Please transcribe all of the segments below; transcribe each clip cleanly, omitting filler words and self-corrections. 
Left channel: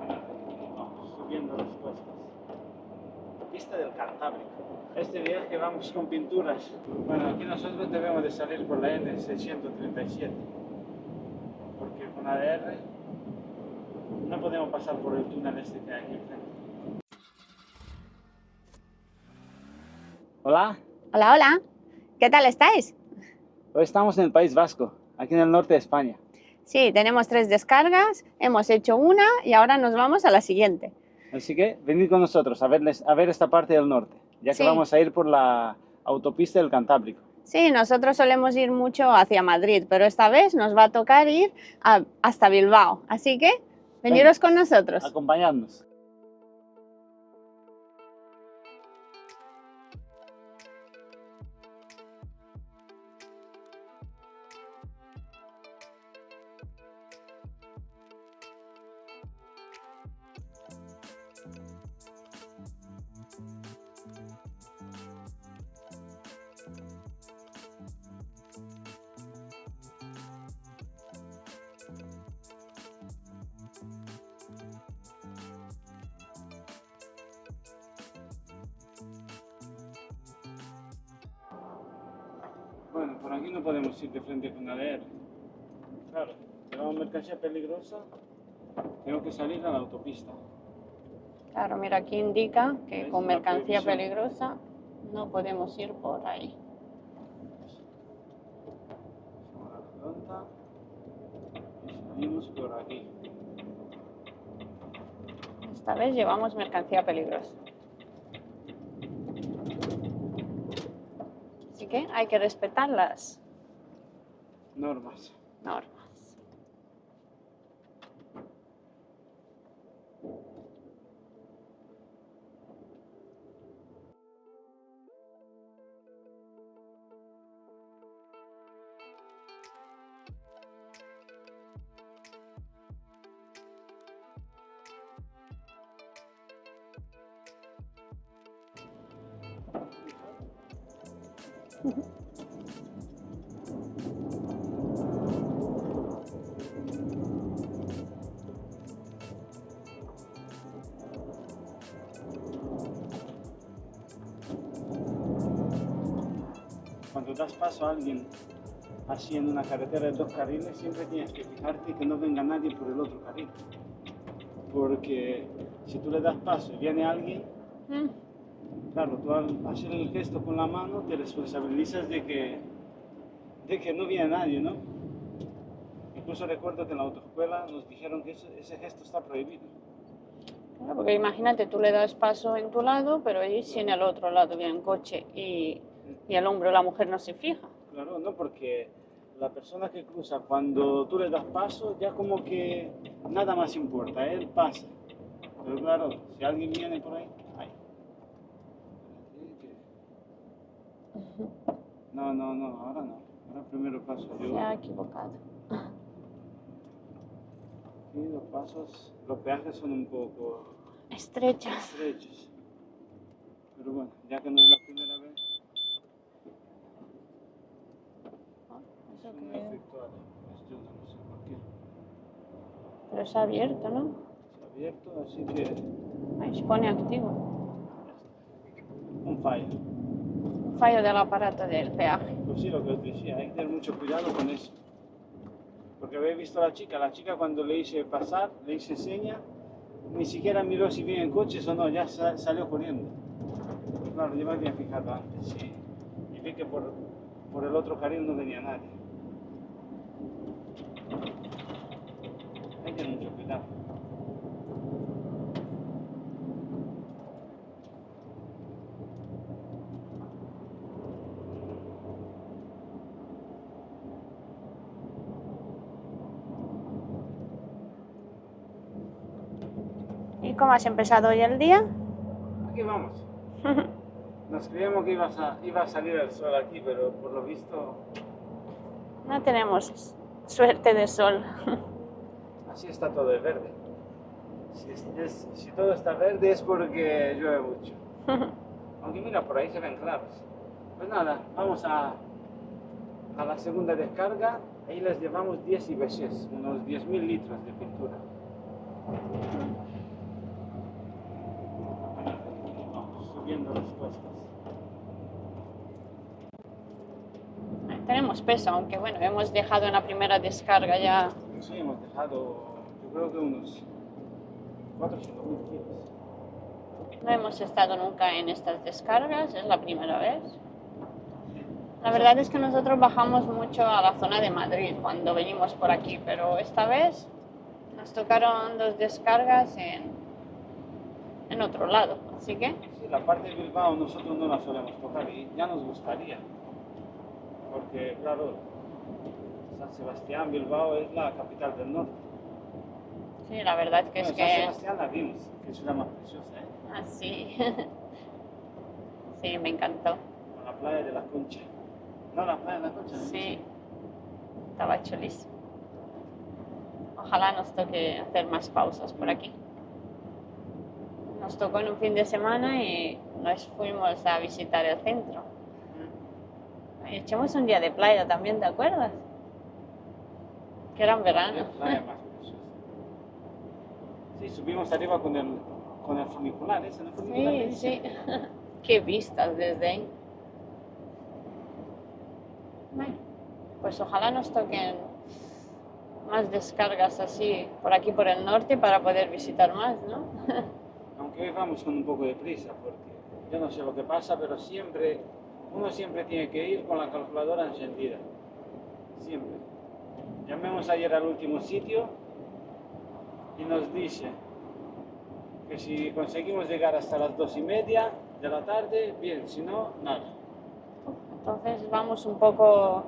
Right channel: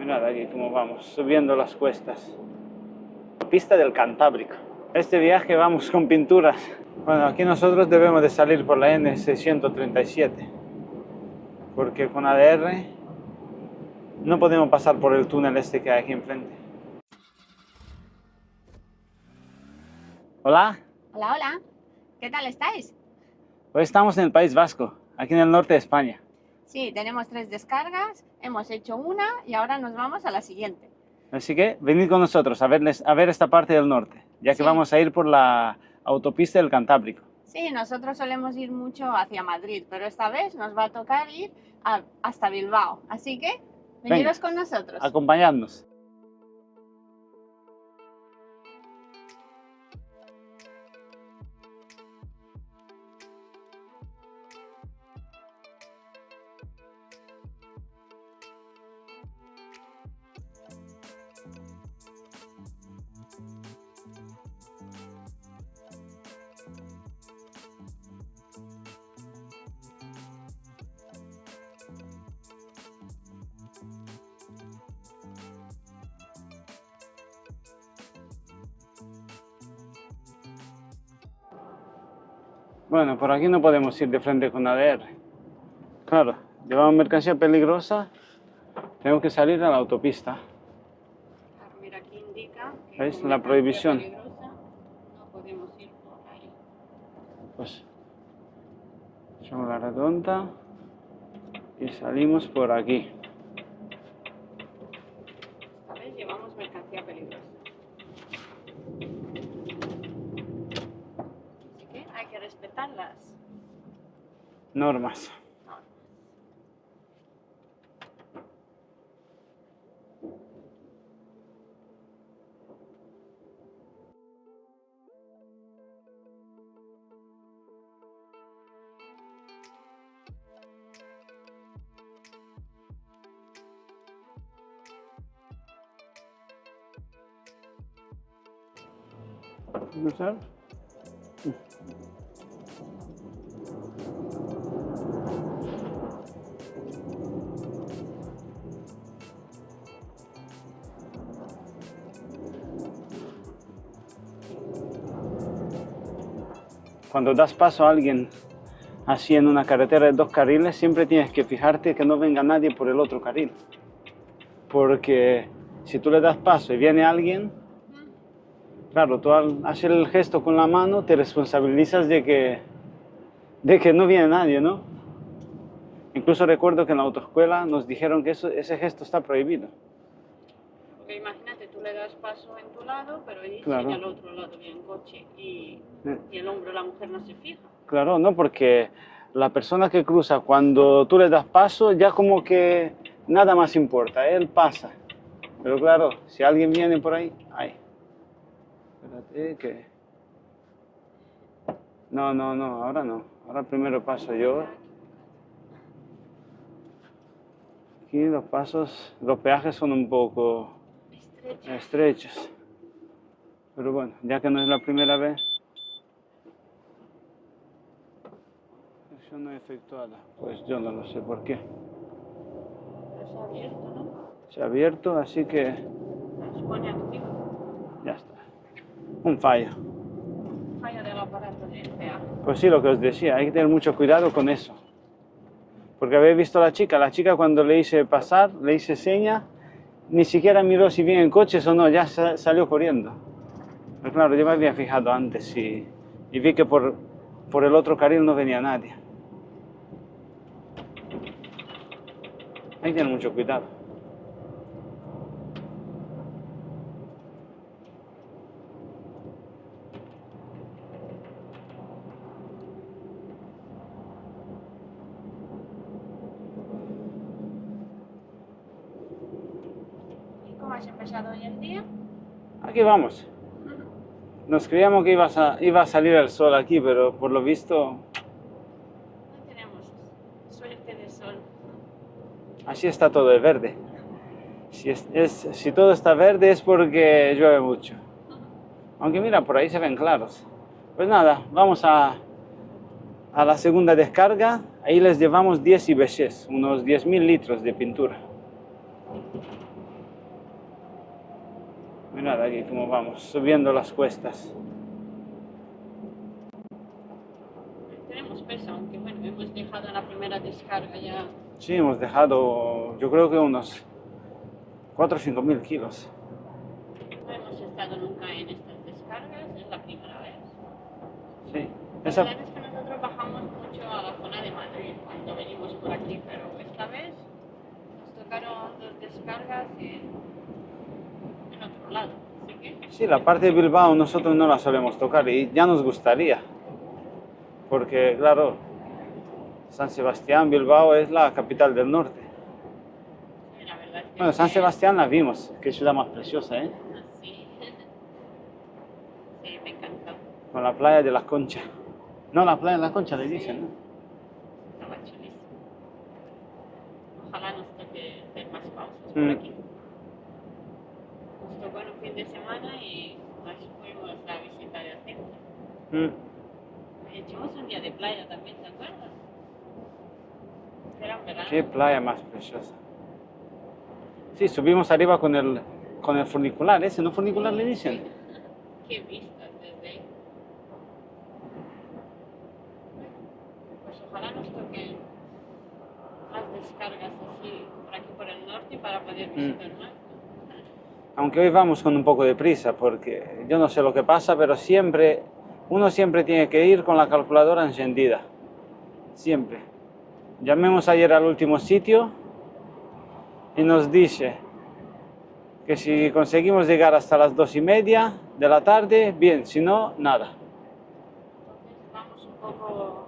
Mirad aquí cómo vamos, subiendo las cuestas. Pista del Cantábrico. Este viaje vamos con pinturas. Bueno, aquí nosotros debemos de salir por la N637, porque con ADR no podemos pasar por el túnel este que hay aquí enfrente. Hola. Hola, hola. ¿Qué tal estáis? Hoy estamos en el País Vasco, aquí en el norte de España. Sí, tenemos 3 descargas, hemos hecho una y ahora nos vamos a la siguiente. Así que venid con nosotros a ver esta parte del norte, ya que Sí. vamos a ir por la autopista del Cantábrico. Sí, nosotros solemos ir mucho hacia Madrid, pero esta vez nos va a tocar ir hasta Bilbao. Así que, veniros con nosotros. Acompañadnos. Bueno, por aquí no podemos ir de frente con ADR. Claro, llevamos mercancía peligrosa, tenemos que salir a la autopista. Claro, mira, aquí indica que ¿Veis? con La mercancía prohibición. peligrosa no podemos ir por ahí. Pues echamos la redonda y salimos por aquí. Esta vez llevamos mercancía peligrosa. Así que hay que respetar las Normas. normas. ¿Cruzar? Cuando das paso a alguien así en una carretera de 2 carriles, siempre tienes que fijarte que no venga nadie por el otro carril. Porque si tú le das paso y viene alguien, claro, tú al hacer el gesto con la mano te responsabilizas de que no viene nadie, ¿no? Incluso recuerdo que en la autoescuela nos dijeron que ese gesto está prohibido. Claro, porque imagínate, tú le das paso en tu lado, pero allí Claro. si en el otro lado viene un coche y el hombre o la mujer no se fija. Claro, no, porque la persona que cruza, cuando tú le das paso, ya como que nada más importa, él pasa. Pero claro, si alguien viene por ahí, ay. Espérate que... No, ahora no. Ahora primero paso yo. Se ha equivocado. Aquí los pasos, los peajes son un poco estrechos. Pero bueno, ya que no es la primera vez. No efectuada, pues yo no lo sé por qué. Pero se ha abierto, ¿no? Se ha abierto, así que Ahí se pone activo. ya está. Un fallo. Fallo del aparato del peaje. Pues sí, lo que os decía, hay que tener mucho cuidado con eso. Porque habéis visto a la chica cuando le hice pasar, le hice seña, ni siquiera miró si vienen coches o no, ya salió corriendo. Pero claro, yo me había fijado antes y vi que por el otro carril no venía nadie. Hay que tener mucho cuidado. ¿Y cómo has empezado hoy el día? Aquí vamos. Nos creíamos que iba a salir el sol aquí, pero por lo visto... No tenemos suerte de sol. Así está todo de verde. Si todo está verde es porque llueve mucho. Aunque mira, por ahí se ven claros. Pues nada, vamos a la segunda descarga. Ahí les llevamos 10 IBCs, unos 10.000 litros de pintura. Mirad aquí cómo vamos, subiendo las cuestas. Tenemos peso, aunque bueno, hemos dejado en la primera descarga ya. Sí, hemos dejado, yo creo que unos 4 o 5 mil kilos. No hemos estado nunca en estas descargas, es la primera vez. Sí. La verdad es que nosotros bajamos mucho a la zona de Madrid cuando venimos por aquí, pero esta vez nos tocaron 2 descargas en otro lado, así que... Sí, la parte de Bilbao nosotros no la solemos tocar y ya nos gustaría, porque claro, San Sebastián, Bilbao es la capital del norte. Sí, la verdad que Bueno, es San que... Sebastián la vimos, qué ciudad más preciosa, ¿eh? Así. Sí, me encantó. Con la playa de la Concha. No, la playa de la Concha le Sí. dicen, ¿no? Estaba chulísimo. Ojalá nos toque hacer más pausas por aquí. Nos tocó en un fin de semana y nos fuimos a visitar el centro. Y echamos un día de playa también, ¿te acuerdas? Que era en verano. Qué playa más preciosa. Sí, subimos arriba con el funicular, ese, ¿no funicular le dicen? Sí. Qué vistas desde ahí. Bueno, pues ojalá nos toquen más descargas así por aquí por el norte para poder visitar más, ¿no? Aunque hoy vamos con un poco de prisa, porque yo no sé lo que pasa, pero uno siempre tiene que ir con la calculadora encendida. Siempre. Llamemos ayer al último sitio y nos dice que si conseguimos llegar hasta las 2:30 de la tarde, bien, si no, nada. Entonces vamos un poco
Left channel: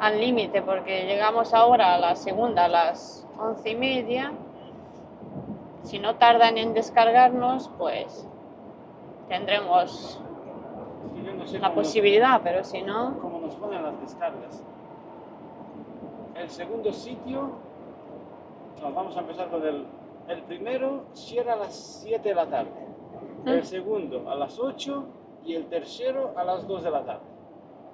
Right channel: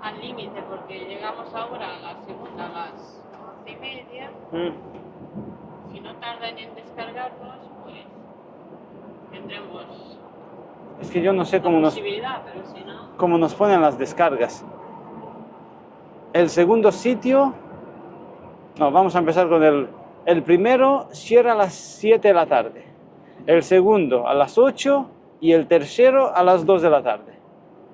al límite porque llegamos ahora a la segunda a las 11:30. Si no tardan en descargarnos, pues tendremos Es que yo no sé la posibilidad, pero si no... cómo nos ponen las descargas. El segundo sitio, no, vamos a empezar con el primero cierra a las 7 de la tarde, el segundo a las 8 y el tercero a las 2 de la tarde.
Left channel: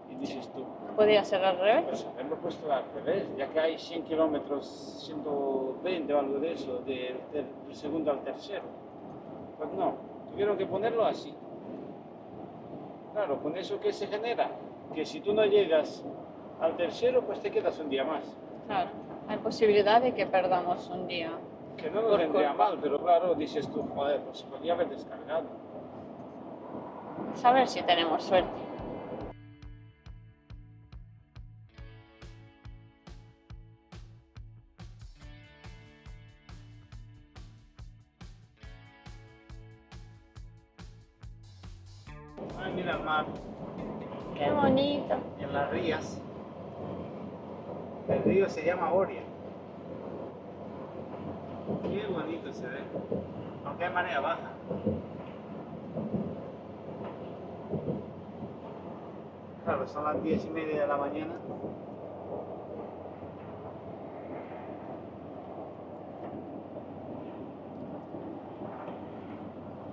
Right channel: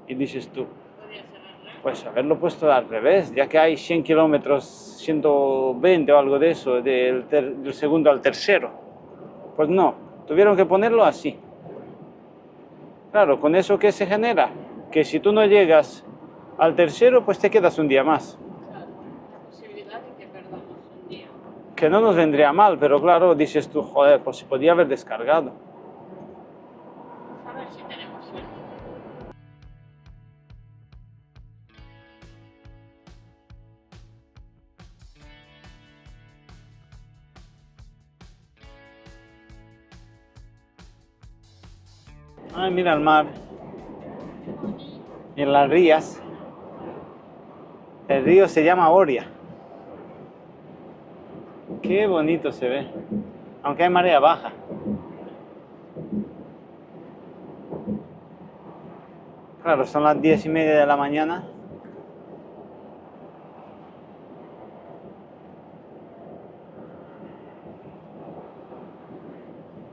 Y dices tú, ¿Podría ser al revés? pues haberlo puesto al revés, ya que hay 100 kilómetros, 120 o algo de eso, del segundo al tercero. Pues no, tuvieron que ponerlo así. Claro, ¿con eso qué se genera? Que si tú no llegas al tercero, pues te quedas un día más. Claro, hay posibilidad de que perdamos un día. Que no nos vendría mal, pero claro, dices tú, joder, pues se podía haber descargado. A ver si tenemos suerte. Ay, mira el mar. Qué bonito. Y las rías. El río se llama Oria. Qué bonito se ve. Aunque hay marea baja. Claro, son las 10:30 de la mañana.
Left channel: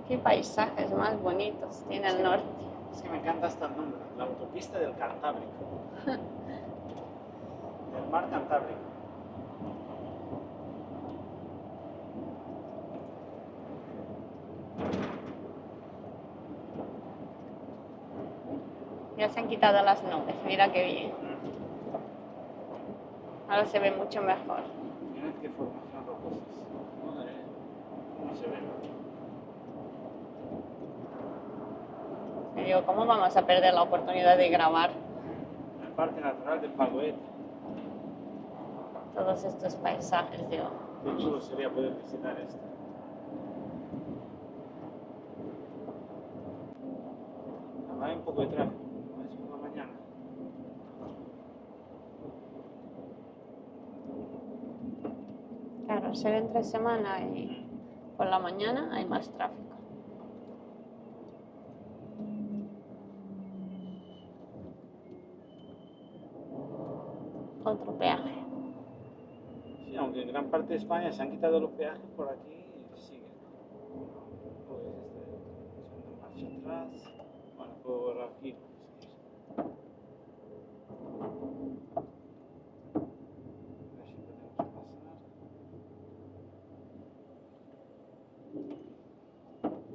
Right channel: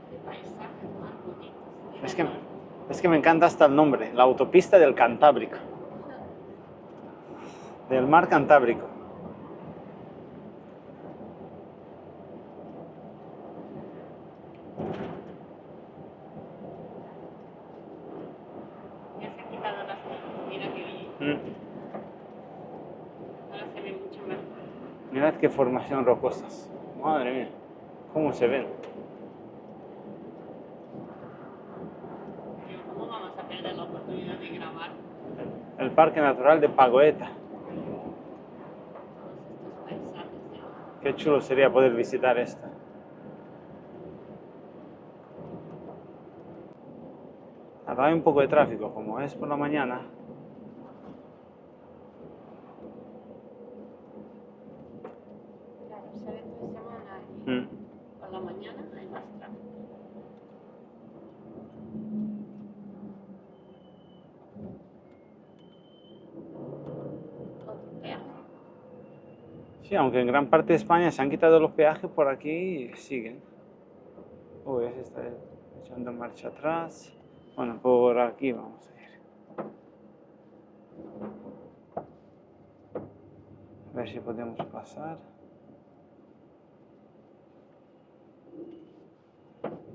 Qué paisajes más bonitos tiene el norte. Es que me encanta hasta el nombre, la autopista del Cantábrico. Del mar Cantábrico. Ya se han quitado las nubes, mira qué bien. Ahora se ve mucho mejor. Mirad qué formación rocosas. Madre mía, cómo se ven. Y digo, ¿cómo vamos a perder la oportunidad de grabar El Parque Natural de Pagoeta. todos estos paisajes? Digo, Qué chulo sería poder visitar esto. Ahora hay un poco de tráfico, como es por la mañana. claro, ser entre semana y por la mañana hay más tráfico. Otro peaje. Sí, aunque en gran parte de España se han quitado los peajes, por aquí siguen. Uy, se está echando marcha atrás. Bueno, por aquí vamos a ir. A ver si podemos pasar.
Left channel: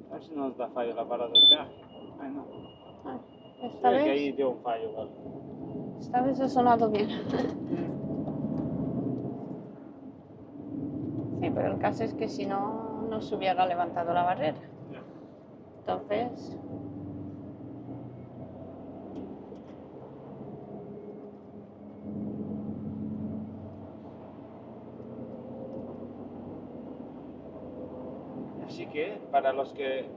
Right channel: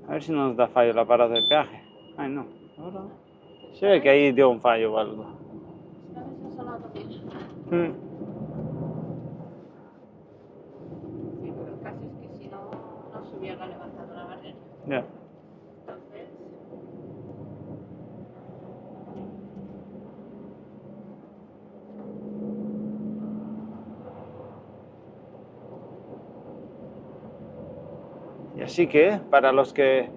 A ver A ver si no nos da fallo el aparato de peaje. Ay, no. Ahora se ve que ahí dio un fallo o algo. Esta vez ha sonado bien. Sí, pero el caso es que si no, no se hubiera levantado la barrera. Ya. Entonces... Y así que, para los que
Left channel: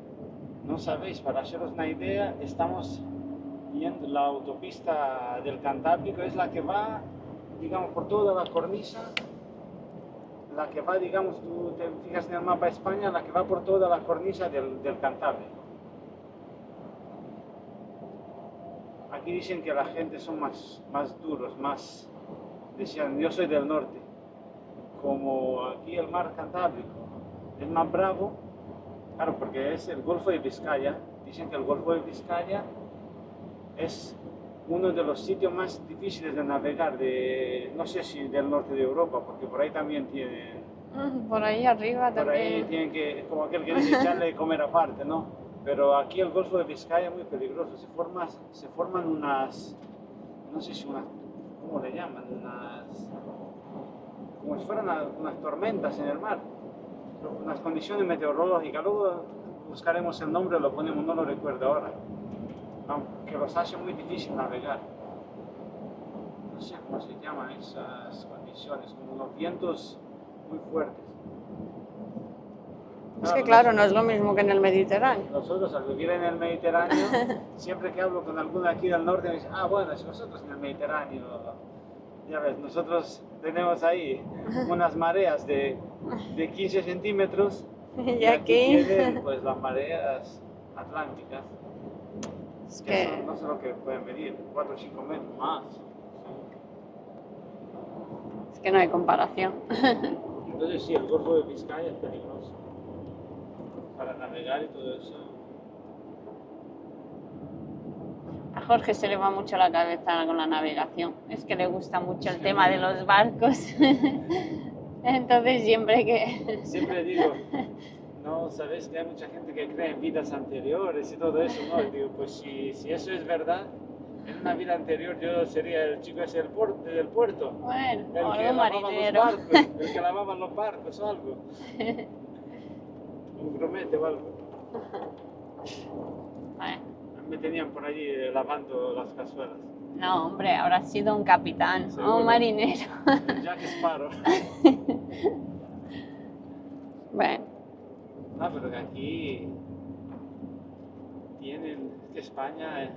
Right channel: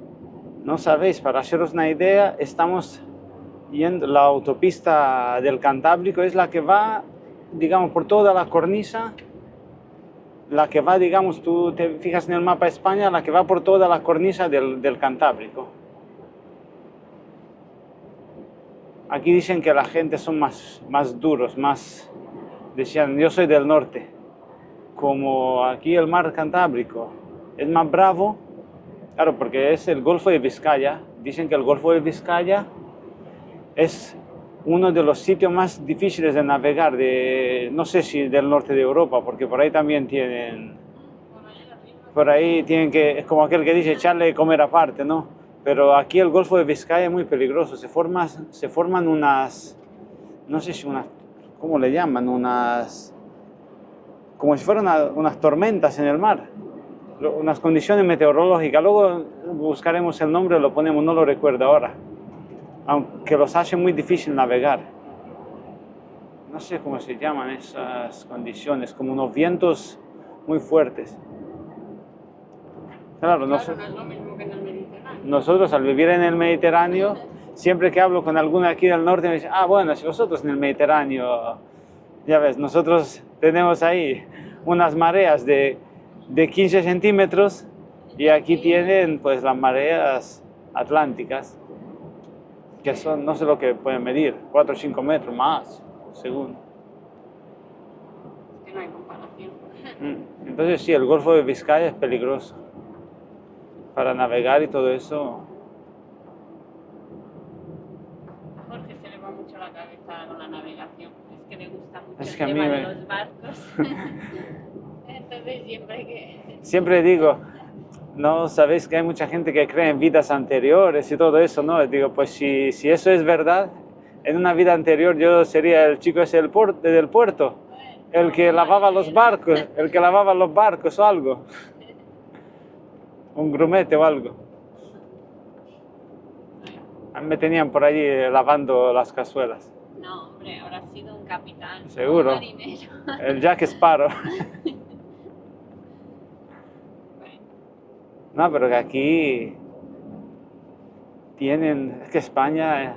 no sabéis, para haceros una idea, estamos yendo, la autopista del Cantábrico es la que va, digamos, por toda la cornisa, la que va, digamos, tú te fijas en el mapa de España, la que va por toda la cornisa del Cantábrico. Aquí dicen que la gente son más duros, decían, yo soy del norte, como aquí el mar Cantábrico es más bravo, claro, porque es el Golfo de Vizcaya. Dicen que el Golfo de Vizcaya es uno de los sitios más difíciles de navegar, no sé si del norte de Europa, porque por ahí también tienen... Por ahí arriba Por también. ahí tienen que, es como aquel que dice, echarle de comer aparte, ¿no? Pero aquí el Golfo de Vizcaya es muy peligroso, se forman unas, no sé si unas, ¿cómo le llaman? Unas, como si fueran unas tormentas en el mar, unas condiciones meteorológicas. Luego buscaremos el nombre, lo ponemos, no lo recuerdo ahora, aunque los hace muy difícil navegar. No sé cómo se llaman esas condiciones, como unos vientos muy fuertes. Es que claro, no es lo mismo que en el Mediterráneo. Nosotros al vivir en el Mediterráneo, siempre que hablo con alguno aquí del norte me dicen, ah, bueno, si vosotros en el Mediterráneo, ya ves, nosotros tenemos ahí unas mareas de 15 centímetros y aquí tienen pues las mareas atlánticas, que son, no sé lo que pueden medir, 4 o 5 metros más, según. Es que no hay comparación. Entonces sí, el Golfo de Vizcaya es peligroso para navegar y todo eso. A Jorge se le va mucho la cabeza con la navegación. Es que le gusta mucho el tema de los barcos. Entonces Siempre digo, no sabéis que hay mucha gente que cree en vidas anteriores y todo eso, ¿no? Digo, pues si eso es verdad, en una vida anterior yo sería el chico ese del puerto, bueno, el que lavaba los barcos, el que lavaba los barcos o algo. Un grumete o algo. Bueno. A mí me tenían por allí lavando las cazuelas. No, hombre, habrá sido un capitán. Seguro. Un marinero. El Jack Sparrow. Bueno. No, pero que aquí tienen... Es que España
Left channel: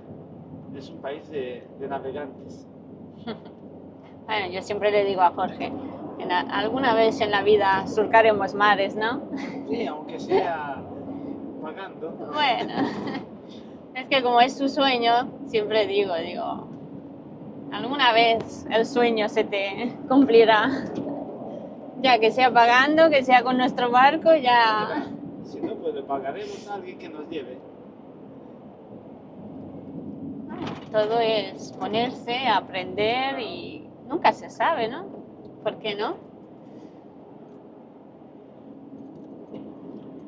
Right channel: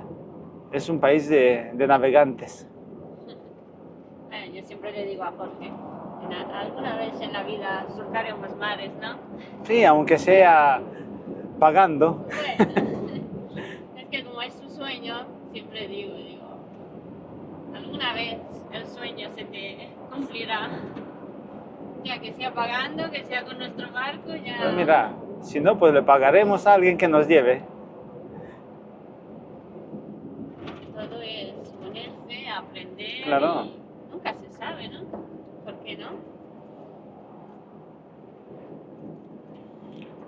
es un país de navegantes. Bueno, yo siempre le digo a Jorge, alguna vez en la vida surcaremos mares, ¿no? Sí, aunque sea pagando. Bueno, es que como es su sueño, siempre digo, alguna vez el sueño se te cumplirá. Ya que sea pagando, que sea con nuestro barco, ya... Pero mira, si no, pues le pagaremos a alguien que nos lleve. Todo es ponerse, aprender, claro. Y nunca se sabe, ¿no? ¿Por qué no?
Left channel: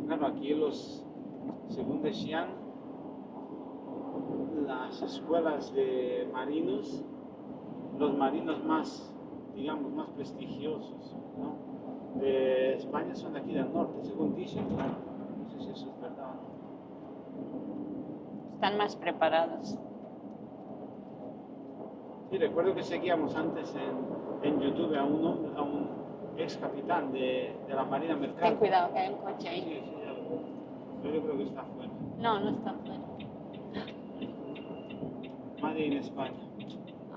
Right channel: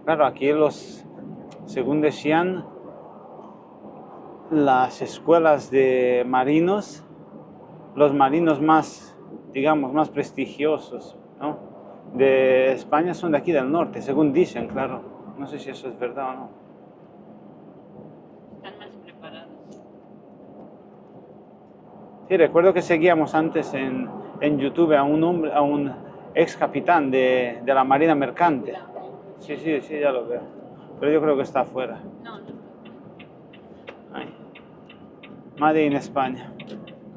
Claro, aquí según decían, las escuelas de marinos, los marinos más, digamos, más prestigiosos, ¿no?, de España son de aquí del norte, según dicen, claro. No sé si eso es verdad o no. Están más preparados. Sí, recuerdo que seguíamos antes en YouTube a un ex capitán de la Marina Mercante. Cuidado que hay un coche. Sí, ya lo veo. Pero yo creo que está afuera. No, no está afuera. Ay. Made in España.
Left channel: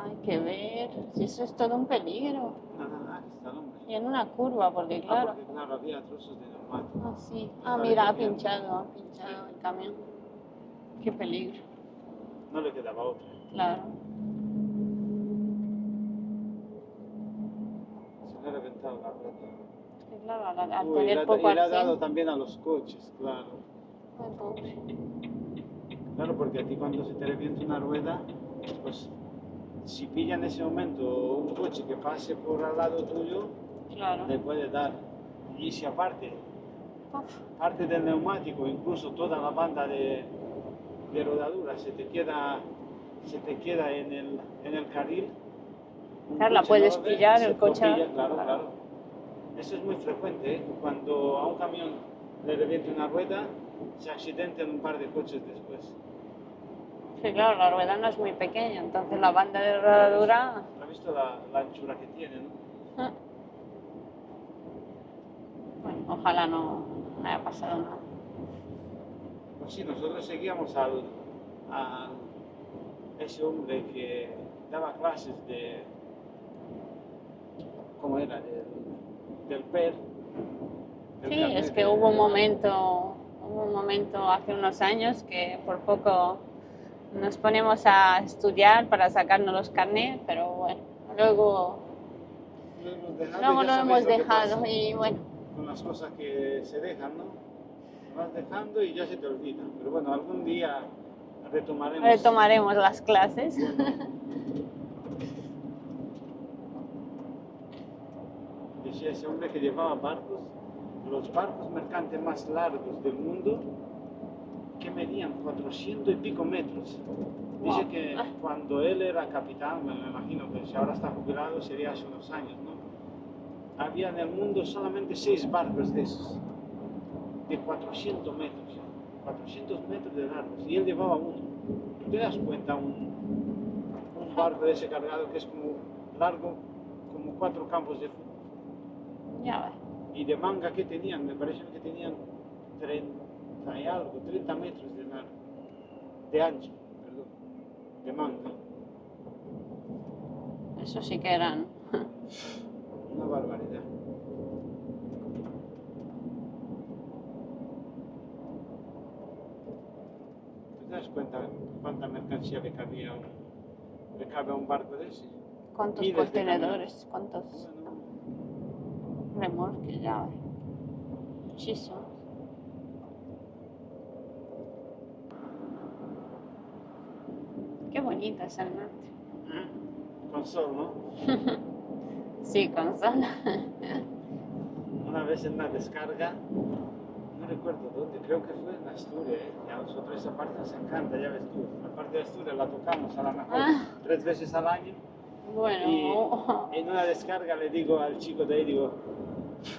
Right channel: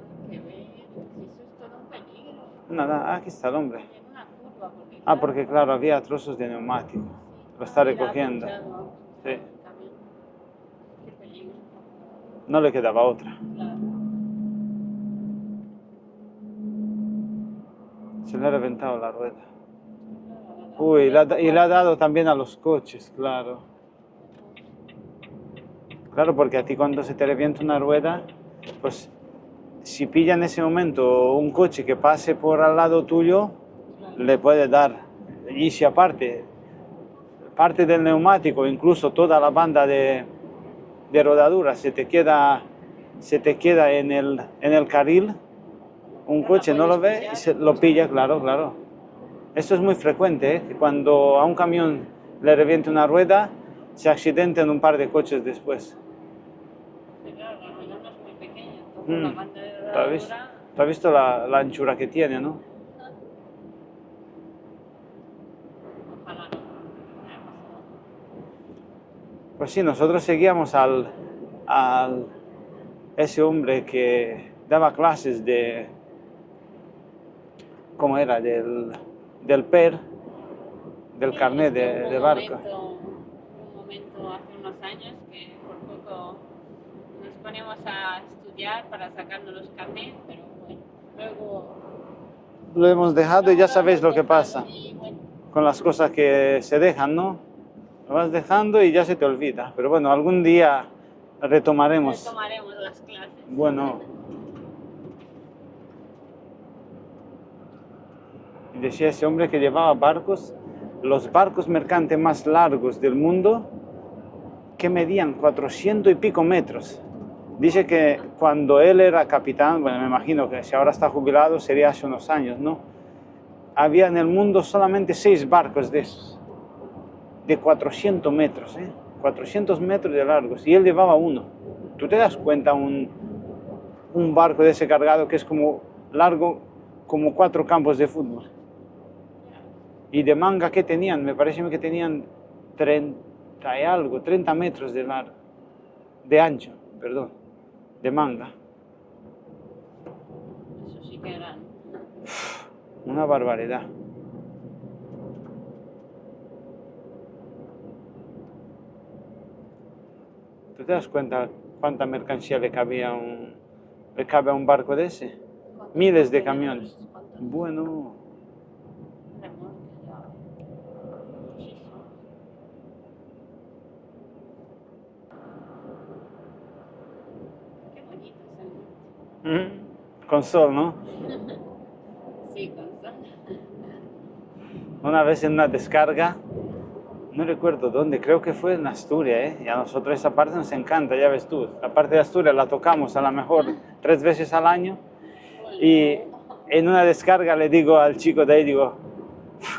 Hay que ver, si eso es todo un peligro. Nada, aquí está el hombre. Y en una curva, porque claro... porque claro, había trozos de neumático. Sí. Lo está mira, recogiendo. Ha pinchado Sí. el camión. Qué peligro. No le quedaba otra. Claro. Se le ha reventado la rueda. Claro, Uy, y le ha dado también a los coches, claro. Ay, pobre. Claro, porque a ti cuando se te revienta una rueda, pues si pilla en ese momento un coche que pase por al lado tuyo, claro, le puede dar. Y si aparte parte del neumático, incluso toda la banda de rodadura se te queda en el carril. Un Claro, la coche no puedes lo ve, pillar, el lo coche pilla, va- claro, claro. Eso es muy frecuente, ¿eh? Que cuando a un camión le reviente una rueda, se accidenten un par de coches después. Sí, claro, la rueda no es muy pequeña, entonces la banda de ¿Tú has visto, rodadura... tú has visto la anchura que tiene, no? Bueno, ojalá no me haya pasado nada. Pues sí, nosotros seguíamos al ese hombre que daba clases de, ¿cómo era? Del PER, del Sí, es carnet que de barco. hubo un momento hace unos años que por poco nos ponemos a estudiar para sacarnos los carnets, pero bueno, Lo hemos dejado y luego ya lo sabéis hemos lo que dejado pasa y bueno, con las cosas que se dejan, ¿no? Lo vas dejando y ya se te olvida. Pero bueno, algún día retomaremos. retomaremos las clases. Bueno, decía ese hombre que llevaba barcos, los barcos mercantes más largos del mundo, que medían 400 y pico metros. Dice que cuando él era capitán, bueno, me imagino que si ahora está jubilado sería hace unos años, ¿no? Había en el mundo solamente 6 barcos de esos, de 400 metros, ¿eh? 400 metros de largos, y él llevaba uno. ¿Tú te das cuenta un barco de ese cargado que es como largo como 4 campos de fútbol? Ya ves. Y de manga, ¿qué tenían? Me parece que tenían 30 y algo, 30 metros de largo, de ancho, perdón, de manga. Eso sí que eran. Una barbaridad. ¿Tú te das cuenta cuánta mercancía le cabe a un barco de ese? ¿Cuántos Miles de contenedores? camiones. ¿Cuántos Bueno, remolques? Ya ves. Muchísimo. Qué bonito es el norte. con sol, ¿no? Sí, con sol. Una vez en una descarga, no recuerdo dónde, creo que fue en Asturias, ¿eh? Y a nosotros esa parte nos encanta, ya ves tú. La parte de Asturias la tocamos a lo mejor 3 veces al año. Y Bueno, en una descarga le digo al chico de ahí, digo,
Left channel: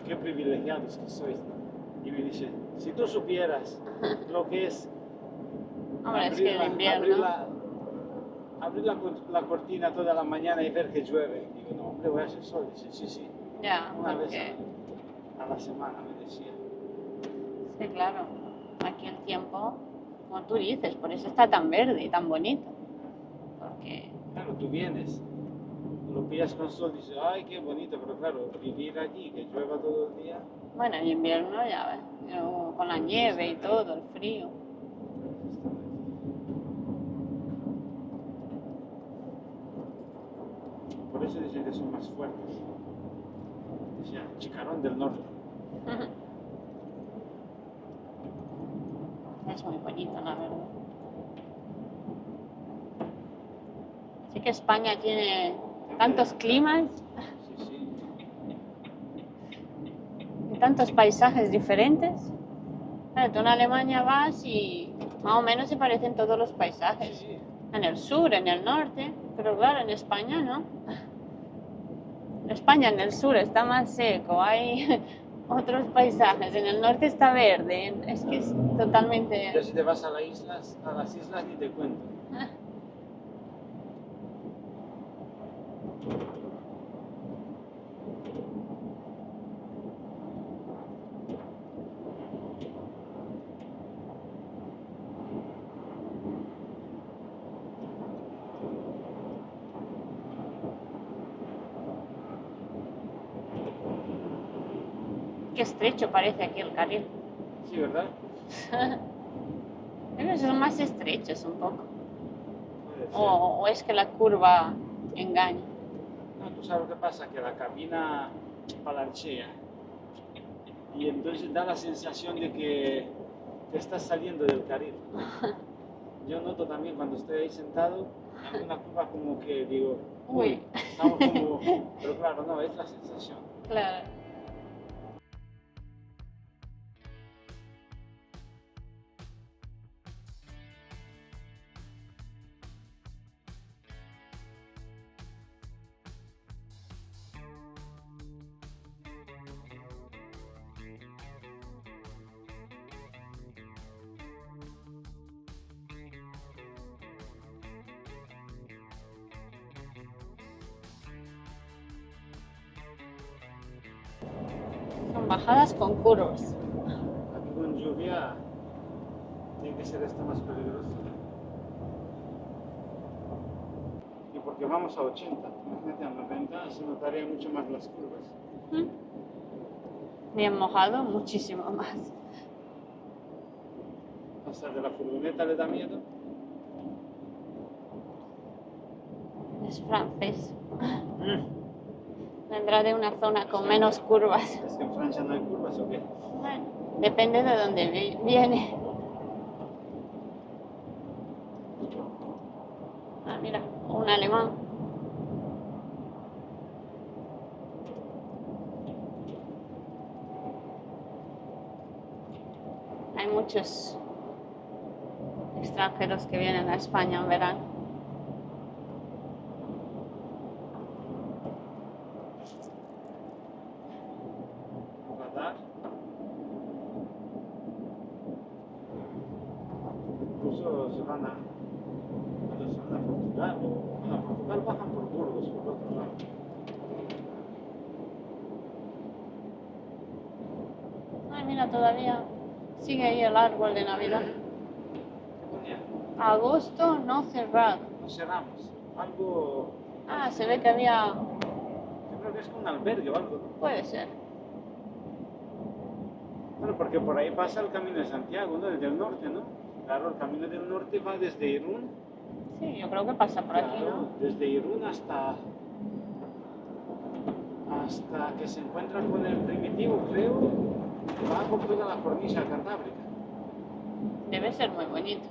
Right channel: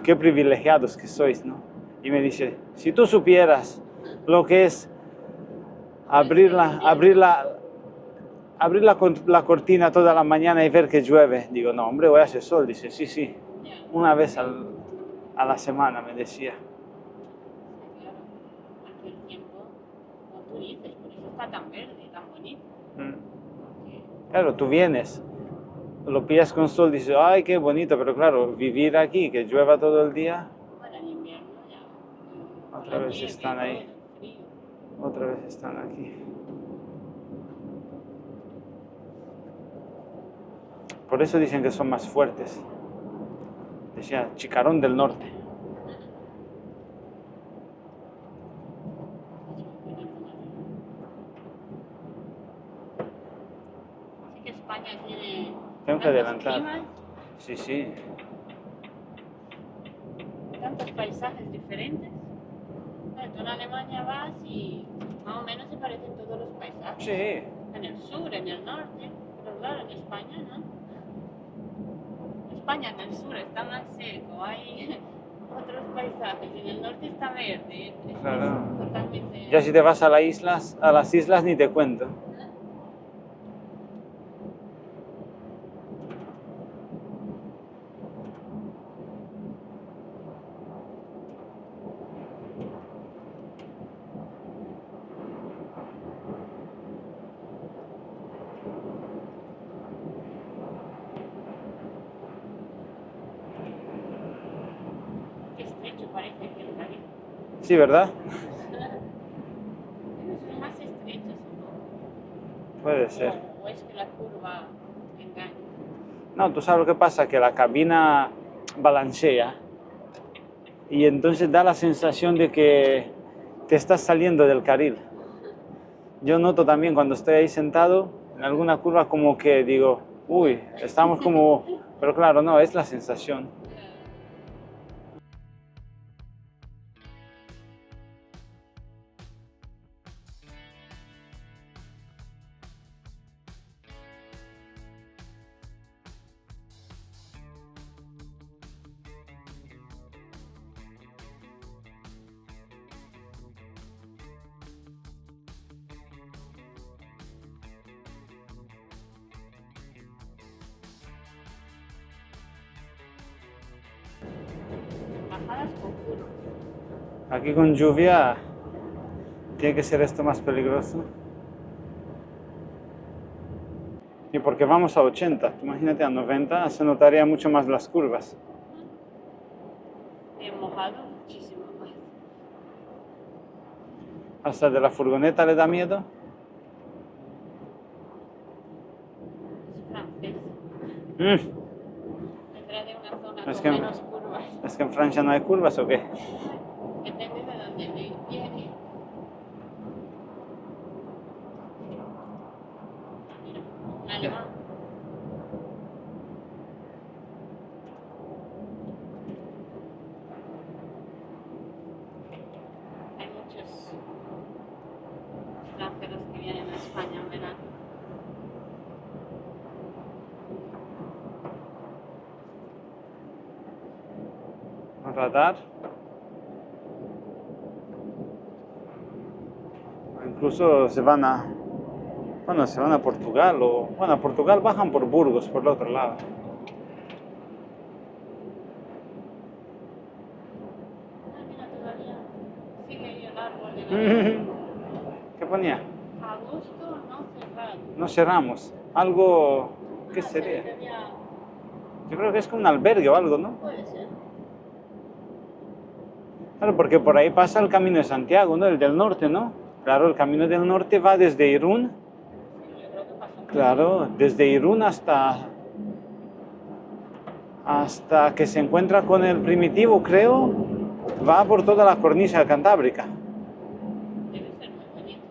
qué privilegiados que sois, ¿no? Y me dice, si tú supieras lo que es hombre, es que en invierno, abrir la cortina toda la mañana y ver que llueve. Digo, no, hombre, hoy hace sol. Dice, sí, sí, ya, una vez porque- a la semana, me decía. sí, claro, aquí el tiempo, como tú dices, por eso está tan verde y tan bonito, porque, Claro, tú vienes, lo pillas con sol, dices, ay, qué bonito, pero claro, vivir aquí, que llueva todo el día, bueno, en invierno ya ves, pero con otra la vez nieve y están ahí, todo, el frío. otra vez están aquí. Por eso dicen que son más fuertes. Decía, Chicarón del Norte. Es muy bonito, la verdad. Sí que España tiene Tengo que tantos adelantar. climas Sí, sí. y tantos paisajes diferentes. Claro, tú en Alemania vas y más o menos se parecen todos los paisajes. Sí. En el sur, en el norte, pero claro, en España no. En España en el sur está más seco, hay otros paisajes, en el norte está verde, es que es Claro. totalmente... Ya si te vas a las islas ni te cuento. Qué estrecho parece aquí el carril. Sí, ¿verdad? Pero son más estrechos un poco. Puede ser. O es que la curva engaña. No, tú sabes lo que pasa, que la cabina balancea y entonces da la sensación de que te estás saliendo del carril. Yo noto también cuando estoy ahí sentado en alguna curva como que digo, uy, estamos como... Pero claro, no, es la sensación. Claro. bajadas con curvas. Aquí con lluvia tiene que ser esto más peligroso. Y porque vamos a 80, imagínate a 90, se notaría mucho más las curvas. Bien mojado, muchísimo más. ¿Hasta de la furgoneta le da miedo? Es francés. Mm, Vendrá de una zona Es con que- menos curvas. ¿Es que en Francia no hay curvas o qué? Bueno, depende de dónde viene. Ah, mira, un alemán. Hay muchos extranjeros que vienen a España en verano. Un radar. Incluso se van a, bueno, se van a Portugal o, bueno, a Portugal bajan por Burgos, por el otro lado. Ay, mira, todavía sigue ahí el árbol de Navidad. ¿Qué ponía? Agosto no cerrado. No cerramos. Algo, ¿qué Ah, se ve sería? que había... Yo creo que es como un albergue o algo, ¿no? Puede ser. Claro, porque por ahí pasa el Camino de Santiago, ¿no? El del norte, ¿no? Claro, el Camino del Norte va desde Irún, Sí, yo creo que pasa por claro, aquí, desde Irún hasta que se encuentra con el Primitivo, creo, va por toda la cornisa cantábrica. ¿no? Debe ser muy bonito.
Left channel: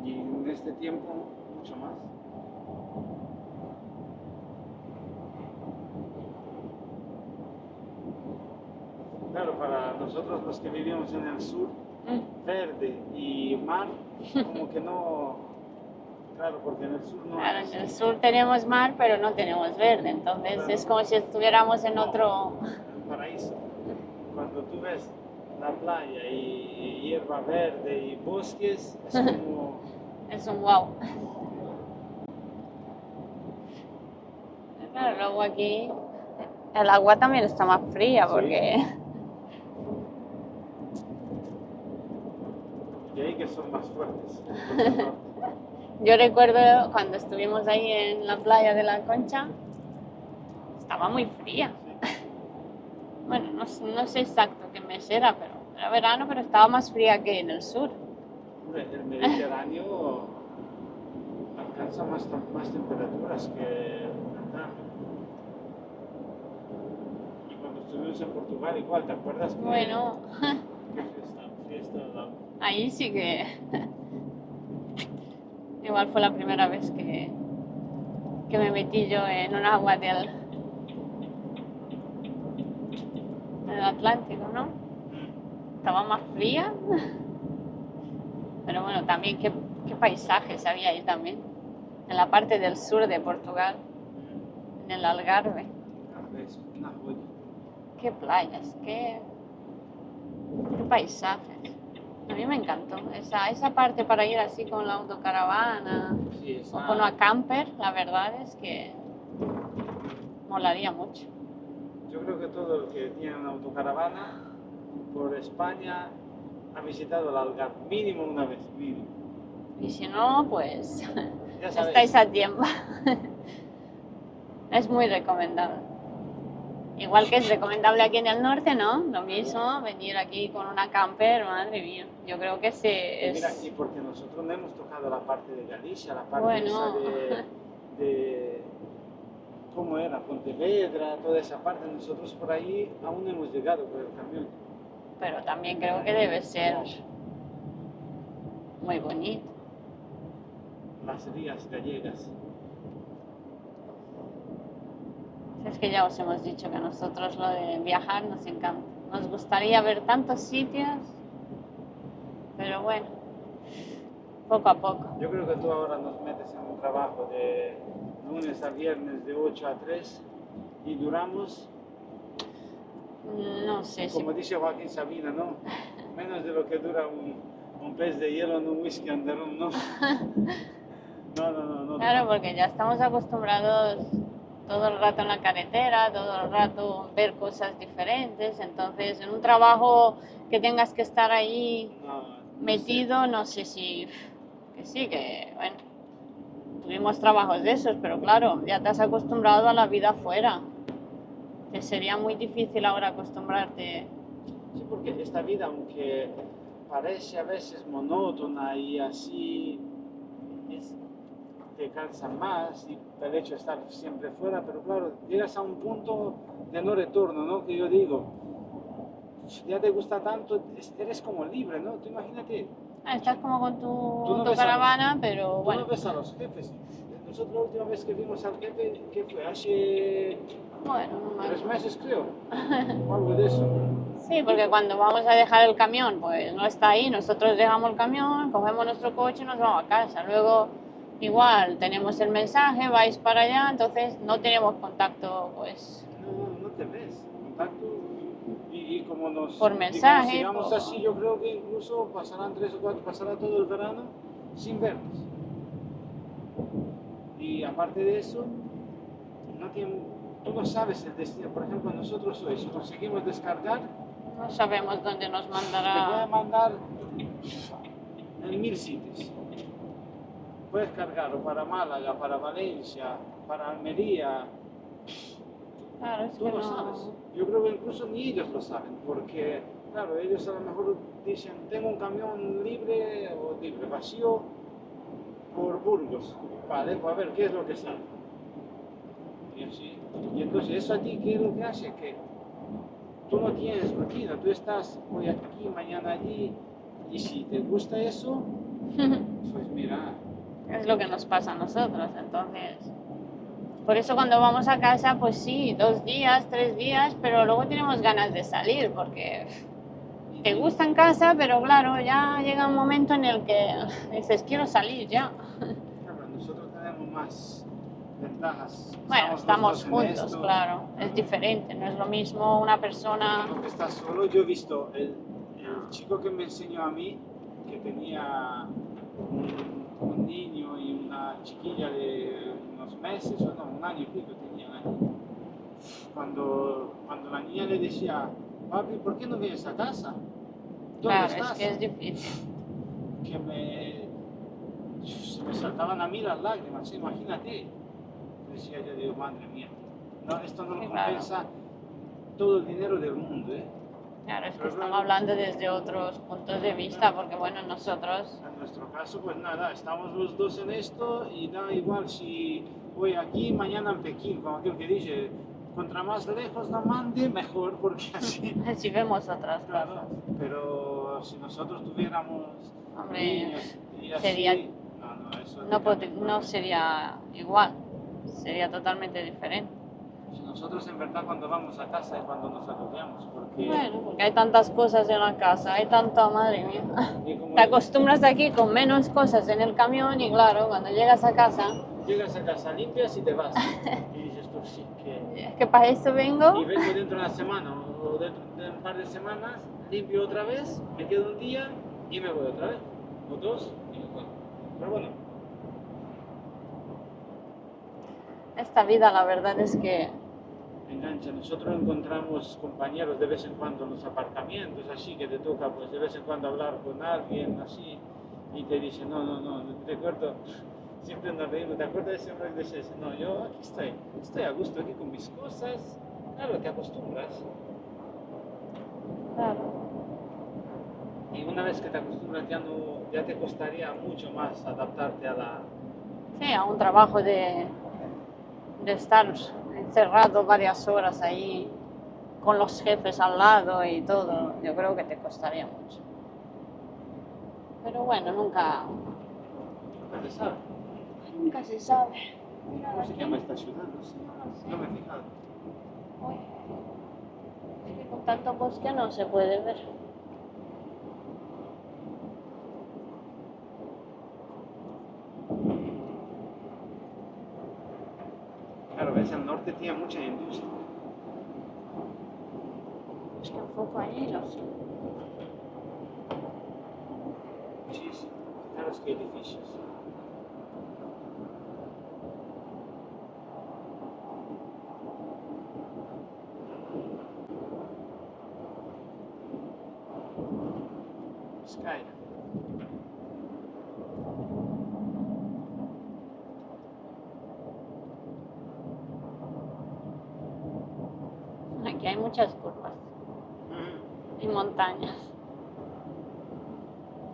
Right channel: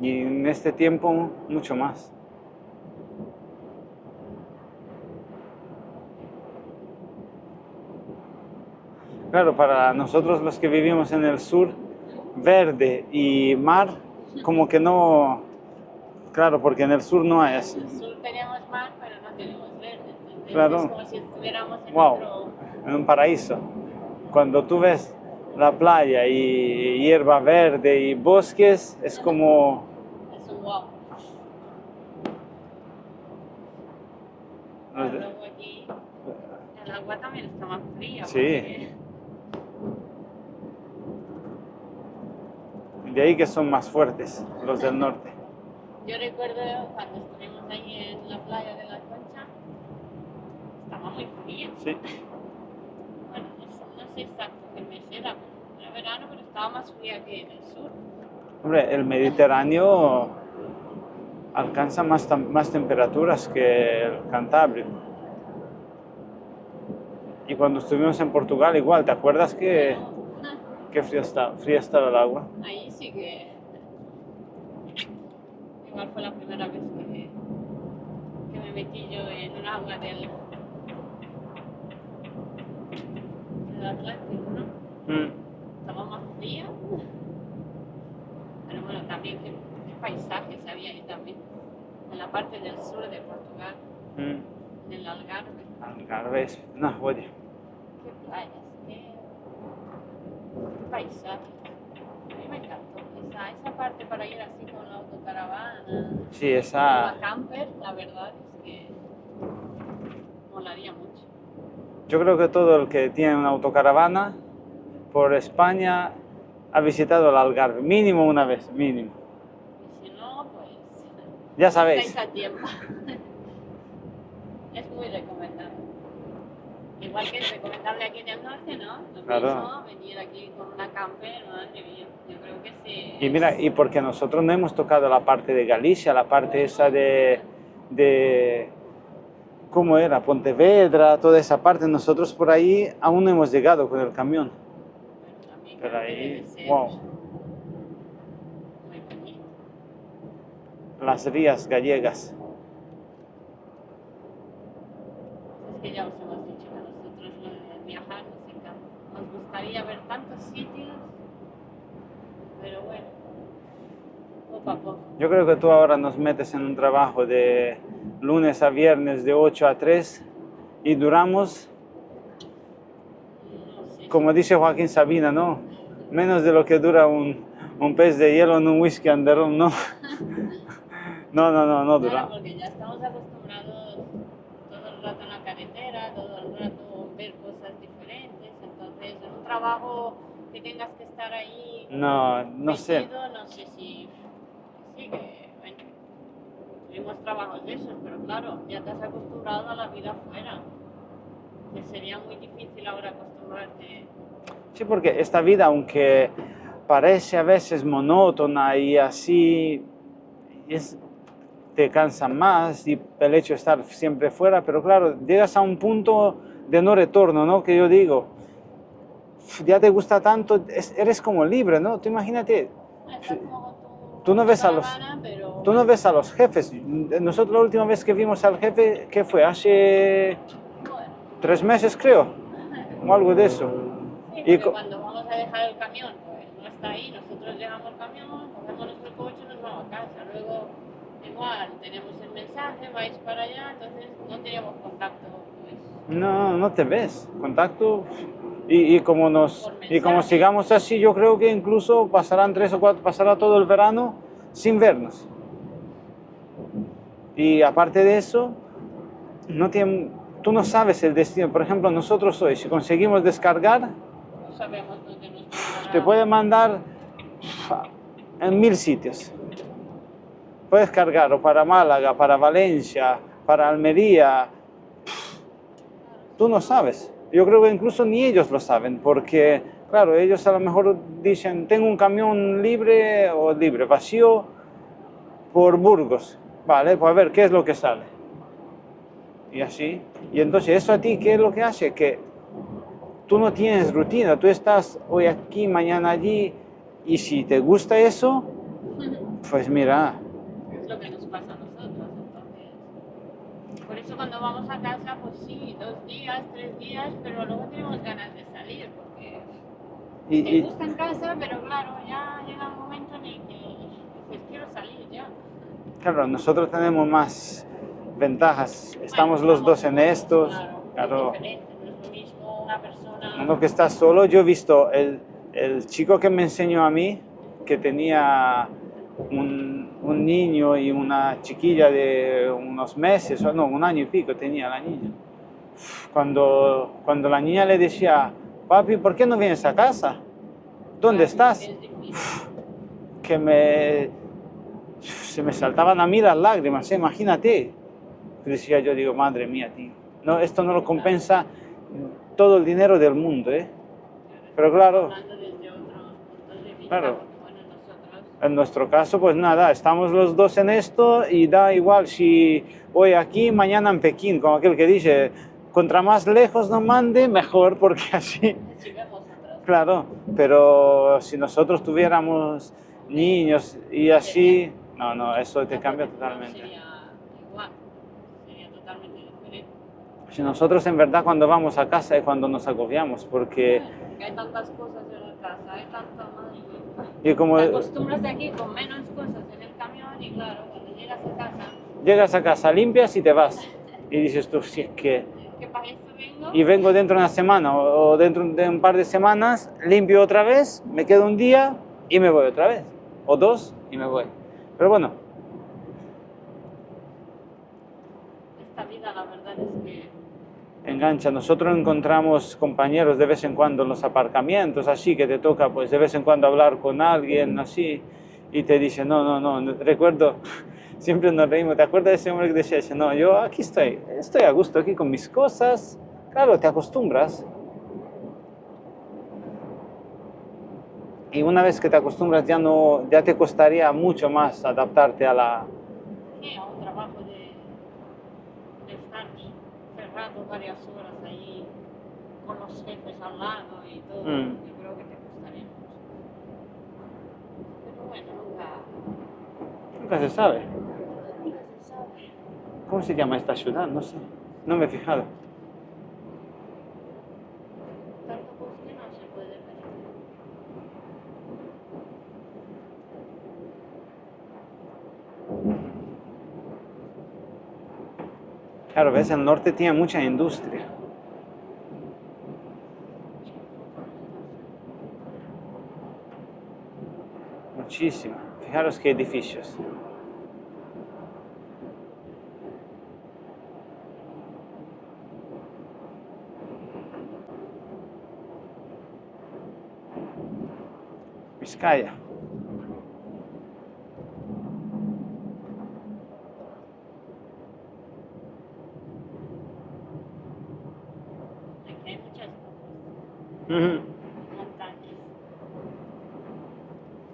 Y en este tiempo, mucho más. Claro, para nosotros los que vivimos en el sur, verde y mar, como que no, claro, porque en el sur no hay así. En el sur tenemos mar, pero no tenemos verde. Entonces Claro. es como si estuviéramos en Wow. otro... En un paraíso. Cuando tú ves la playa y hierba verde y bosques, es como... Es un wow. Pero luego aquí el agua también está más fría Sí. porque... De ahí que son más fuertes los del norte. Yo recuerdo cuando estuvimos ahí en la playa de la Concha, estaba muy fría. Sí. Bueno, no sé exacto qué mes era, pero era verano, pero estaba más fría que en el sur. Hombre, el Mediterráneo alcanza más temperaturas que el Cantábrico. Y cuando estuvimos en Portugal igual, ¿te acuerdas que, Bueno, que fría estaba el agua? ahí sí que... Igual fue la primera vez que me metí yo en un agua del Atlántico, ¿no? Estaba más fría. Pero bueno, también qué paisajes había ahí también. En la parte del sur de Portugal, en el Algarve. Algarve es una joya. Qué playas, qué paisajes. A mí me encantó. Esa parte para ir así con la autocaravana, Sí, con esa... la camper, la verdad es que molaría mucho. Yo creo que todo el que tiene una autocaravana por España ha visitado el Algarve, mínimo una vez, mínimo. Y si no, pues Ya sabéis. estáis a tiempo. Es muy recomendable. Igual que es recomendable aquí en el norte, ¿no? Lo Claro. mismo, venir aquí con una camper, madre mía. Yo creo que sí. Y mira, y porque nosotros no hemos tocado la parte de Galicia, la parte Bueno. esa de... ¿Cómo era? Pontevedra, toda esa parte. Nosotros por ahí aún no hemos llegado con el camión. Pero también Pero creo que ahí, debe ser wow. muy bonito. Las rías gallegas. Es que ya os hemos dicho que a nosotros lo de viajar nos encanta. Nos gustaría ver tantos sitios, pero bueno, poco a poco. Yo creo que tú ahora nos metes en un trabajo de lunes a viernes de 8 a 3 y duramos, No sé como dice Joaquín Sabina, ¿no? Menos de lo que dura un pez de hielo en un whisky and rum, ¿no? No, no, no, no Claro, dura. porque ya estamos acostumbrados todo el rato en la carretera, todo el rato ver cosas diferentes. Entonces, en un trabajo que tengas que estar ahí No, no sé. metido, no sé si... Que sí, que bueno, tuvimos trabajos de esos, pero claro, ya te has acostumbrado a la vida afuera. Que sería muy difícil ahora acostumbrarte. Sí, porque esta vida, aunque parece a veces monótona y así, es, te cansa más y el hecho de estar siempre fuera, pero claro, llegas a un punto de no retorno, ¿no? Que yo digo, ya te gusta tanto, eres como libre, ¿no? Tú imagínate, Estás como con tu tú no ves a los, autocaravana, pero tú no bueno, ves a los jefes. Nosotros la última vez que vimos al jefe, ¿qué fue? Hace bueno, 3 meses, creo, o algo de eso. sí, Y porque cuando vamos a dejar el camión, pues no está ahí, nosotros dejamos el camión, cogemos nuestro coche y nos vamos a casa. Luego, igual, tenemos el mensaje, vais para allá, entonces no tenemos contacto, pues, no, no te ves, contacto. por Y como mensaje. sigamos así, yo creo que incluso pasarán 3 o 4, pasará todo el verano sin vernos. Y aparte de eso, no tiene, tú no sabes el destino. Por ejemplo, nosotros hoy, si conseguimos descargar, No sabemos dónde nos te puede mandará. mandar en 1000 sitios. Puedes cargar o para Málaga, para Valencia, para Almería. Claro, es Tú que no no. sabes. Yo creo que incluso ni ellos lo saben, porque, claro, ellos a lo mejor dicen, tengo un camión libre o libre, vacío por Burgos. Vale, pues a ver, ¿qué es lo que sale? Y así. Y entonces, ¿eso a ti qué es lo que hace? Que tú no tienes rutina, tú estás hoy aquí, mañana allí, y si te gusta eso, pues mira, Es lo que nos pasa a nosotros, entonces. Por eso cuando vamos a casa, pues sí, 2 días, 3 días, pero luego tenemos ganas de salir, porque y, te y, gusta en casa, pero claro, ya llega un momento en el que dices, quiero salir ya. claro, nosotros tenemos más ventajas, Bueno, estamos los estamos dos en juntos, estos, claro, es claro. diferente, no es lo mismo una persona. Uno que está solo, yo he visto el chico que me enseñó a mí, que tenía un niño y una chiquilla de unos meses, o no, un año y pico tenía la niña. Cuando la niña le decía, papi, ¿por qué no vienes a casa? ¿Dónde Claro, es que estás? es difícil. Que se me saltaban a mí las lágrimas, imagínate. Decía yo, digo, madre mía, tío, no, esto no lo Sí, claro, compensa todo el dinero del mundo, ¿eh? claro, es que Pero estamos claro, hablando desde otros puntos de vista, claro, porque bueno, nosotros, en nuestro caso, pues nada, estamos los dos en esto y da igual si hoy aquí, mañana en Pekín, como aquel que dice, contra más lejos nos mande, mejor, porque así, si vemos otras, claro, pero si nosotros tuviéramos hombre, niños y sería, así, no, no, eso te no, cambia no totalmente. sería igual, sería totalmente diferente. Si nosotros en verdad cuando vamos a casa es cuando nos agobiamos, porque Bueno, porque hay tantas cosas en la casa, hay tanta, madre mía. y como Te acostumbras aquí con menos cosas en el camión y claro, cuando llegas a casa, llegas a casa, limpias y te vas. Y dices tú, si es que... es que para eso Y vengo. vengo dentro de una semana o dentro de un par de semanas, limpio otra vez, me quedo un día y me voy otra vez. O dos y me voy. Pero bueno, Esta vida, la verdad es que, engancha. Nosotros encontramos compañeros de vez en cuando en los aparcamientos, así que te toca pues de vez en cuando hablar con alguien así y te dice, no, no, no, recuerdo, siempre nos reímos, ¿te acuerdas de ese hombre que decía, no, yo aquí estoy a gusto aquí con mis cosas? Claro, te acostumbras claro, y una vez que te acostumbras ya no, ya te costaría mucho más adaptarte a la... sí, a un trabajo de estar encerrado varias horas ahí con los jefes al lado y todo, yo creo que te costaría mucho. Pero bueno, Nunca se sabe. nunca se sabe. ¿Cómo se llama esta ciudad? No sé. No me he fijado. Es que con tanto bosque no se puede ver. Claro, ves, el norte tiene mucha industria. Es que enfoco allí, no sé. Muchísima. Fijaros qué edificios. Vizcaya. Aquí hay muchas curvas Ujú. y montañas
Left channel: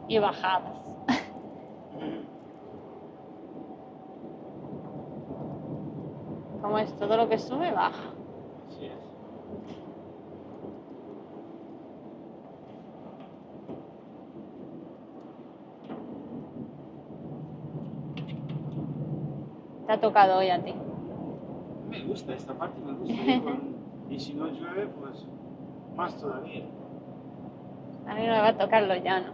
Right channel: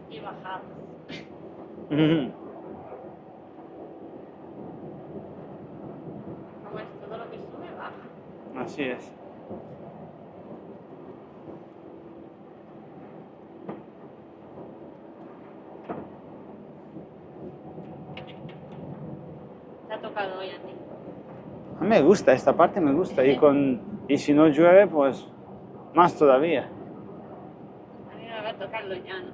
y bajadas. Ujú. Como es todo lo que sube, baja. Así es. Te ha tocado hoy a ti. A mí me gusta, esta parte me gusta. Y si no llueve, pues más todavía. A mí me va a tocar lo llano.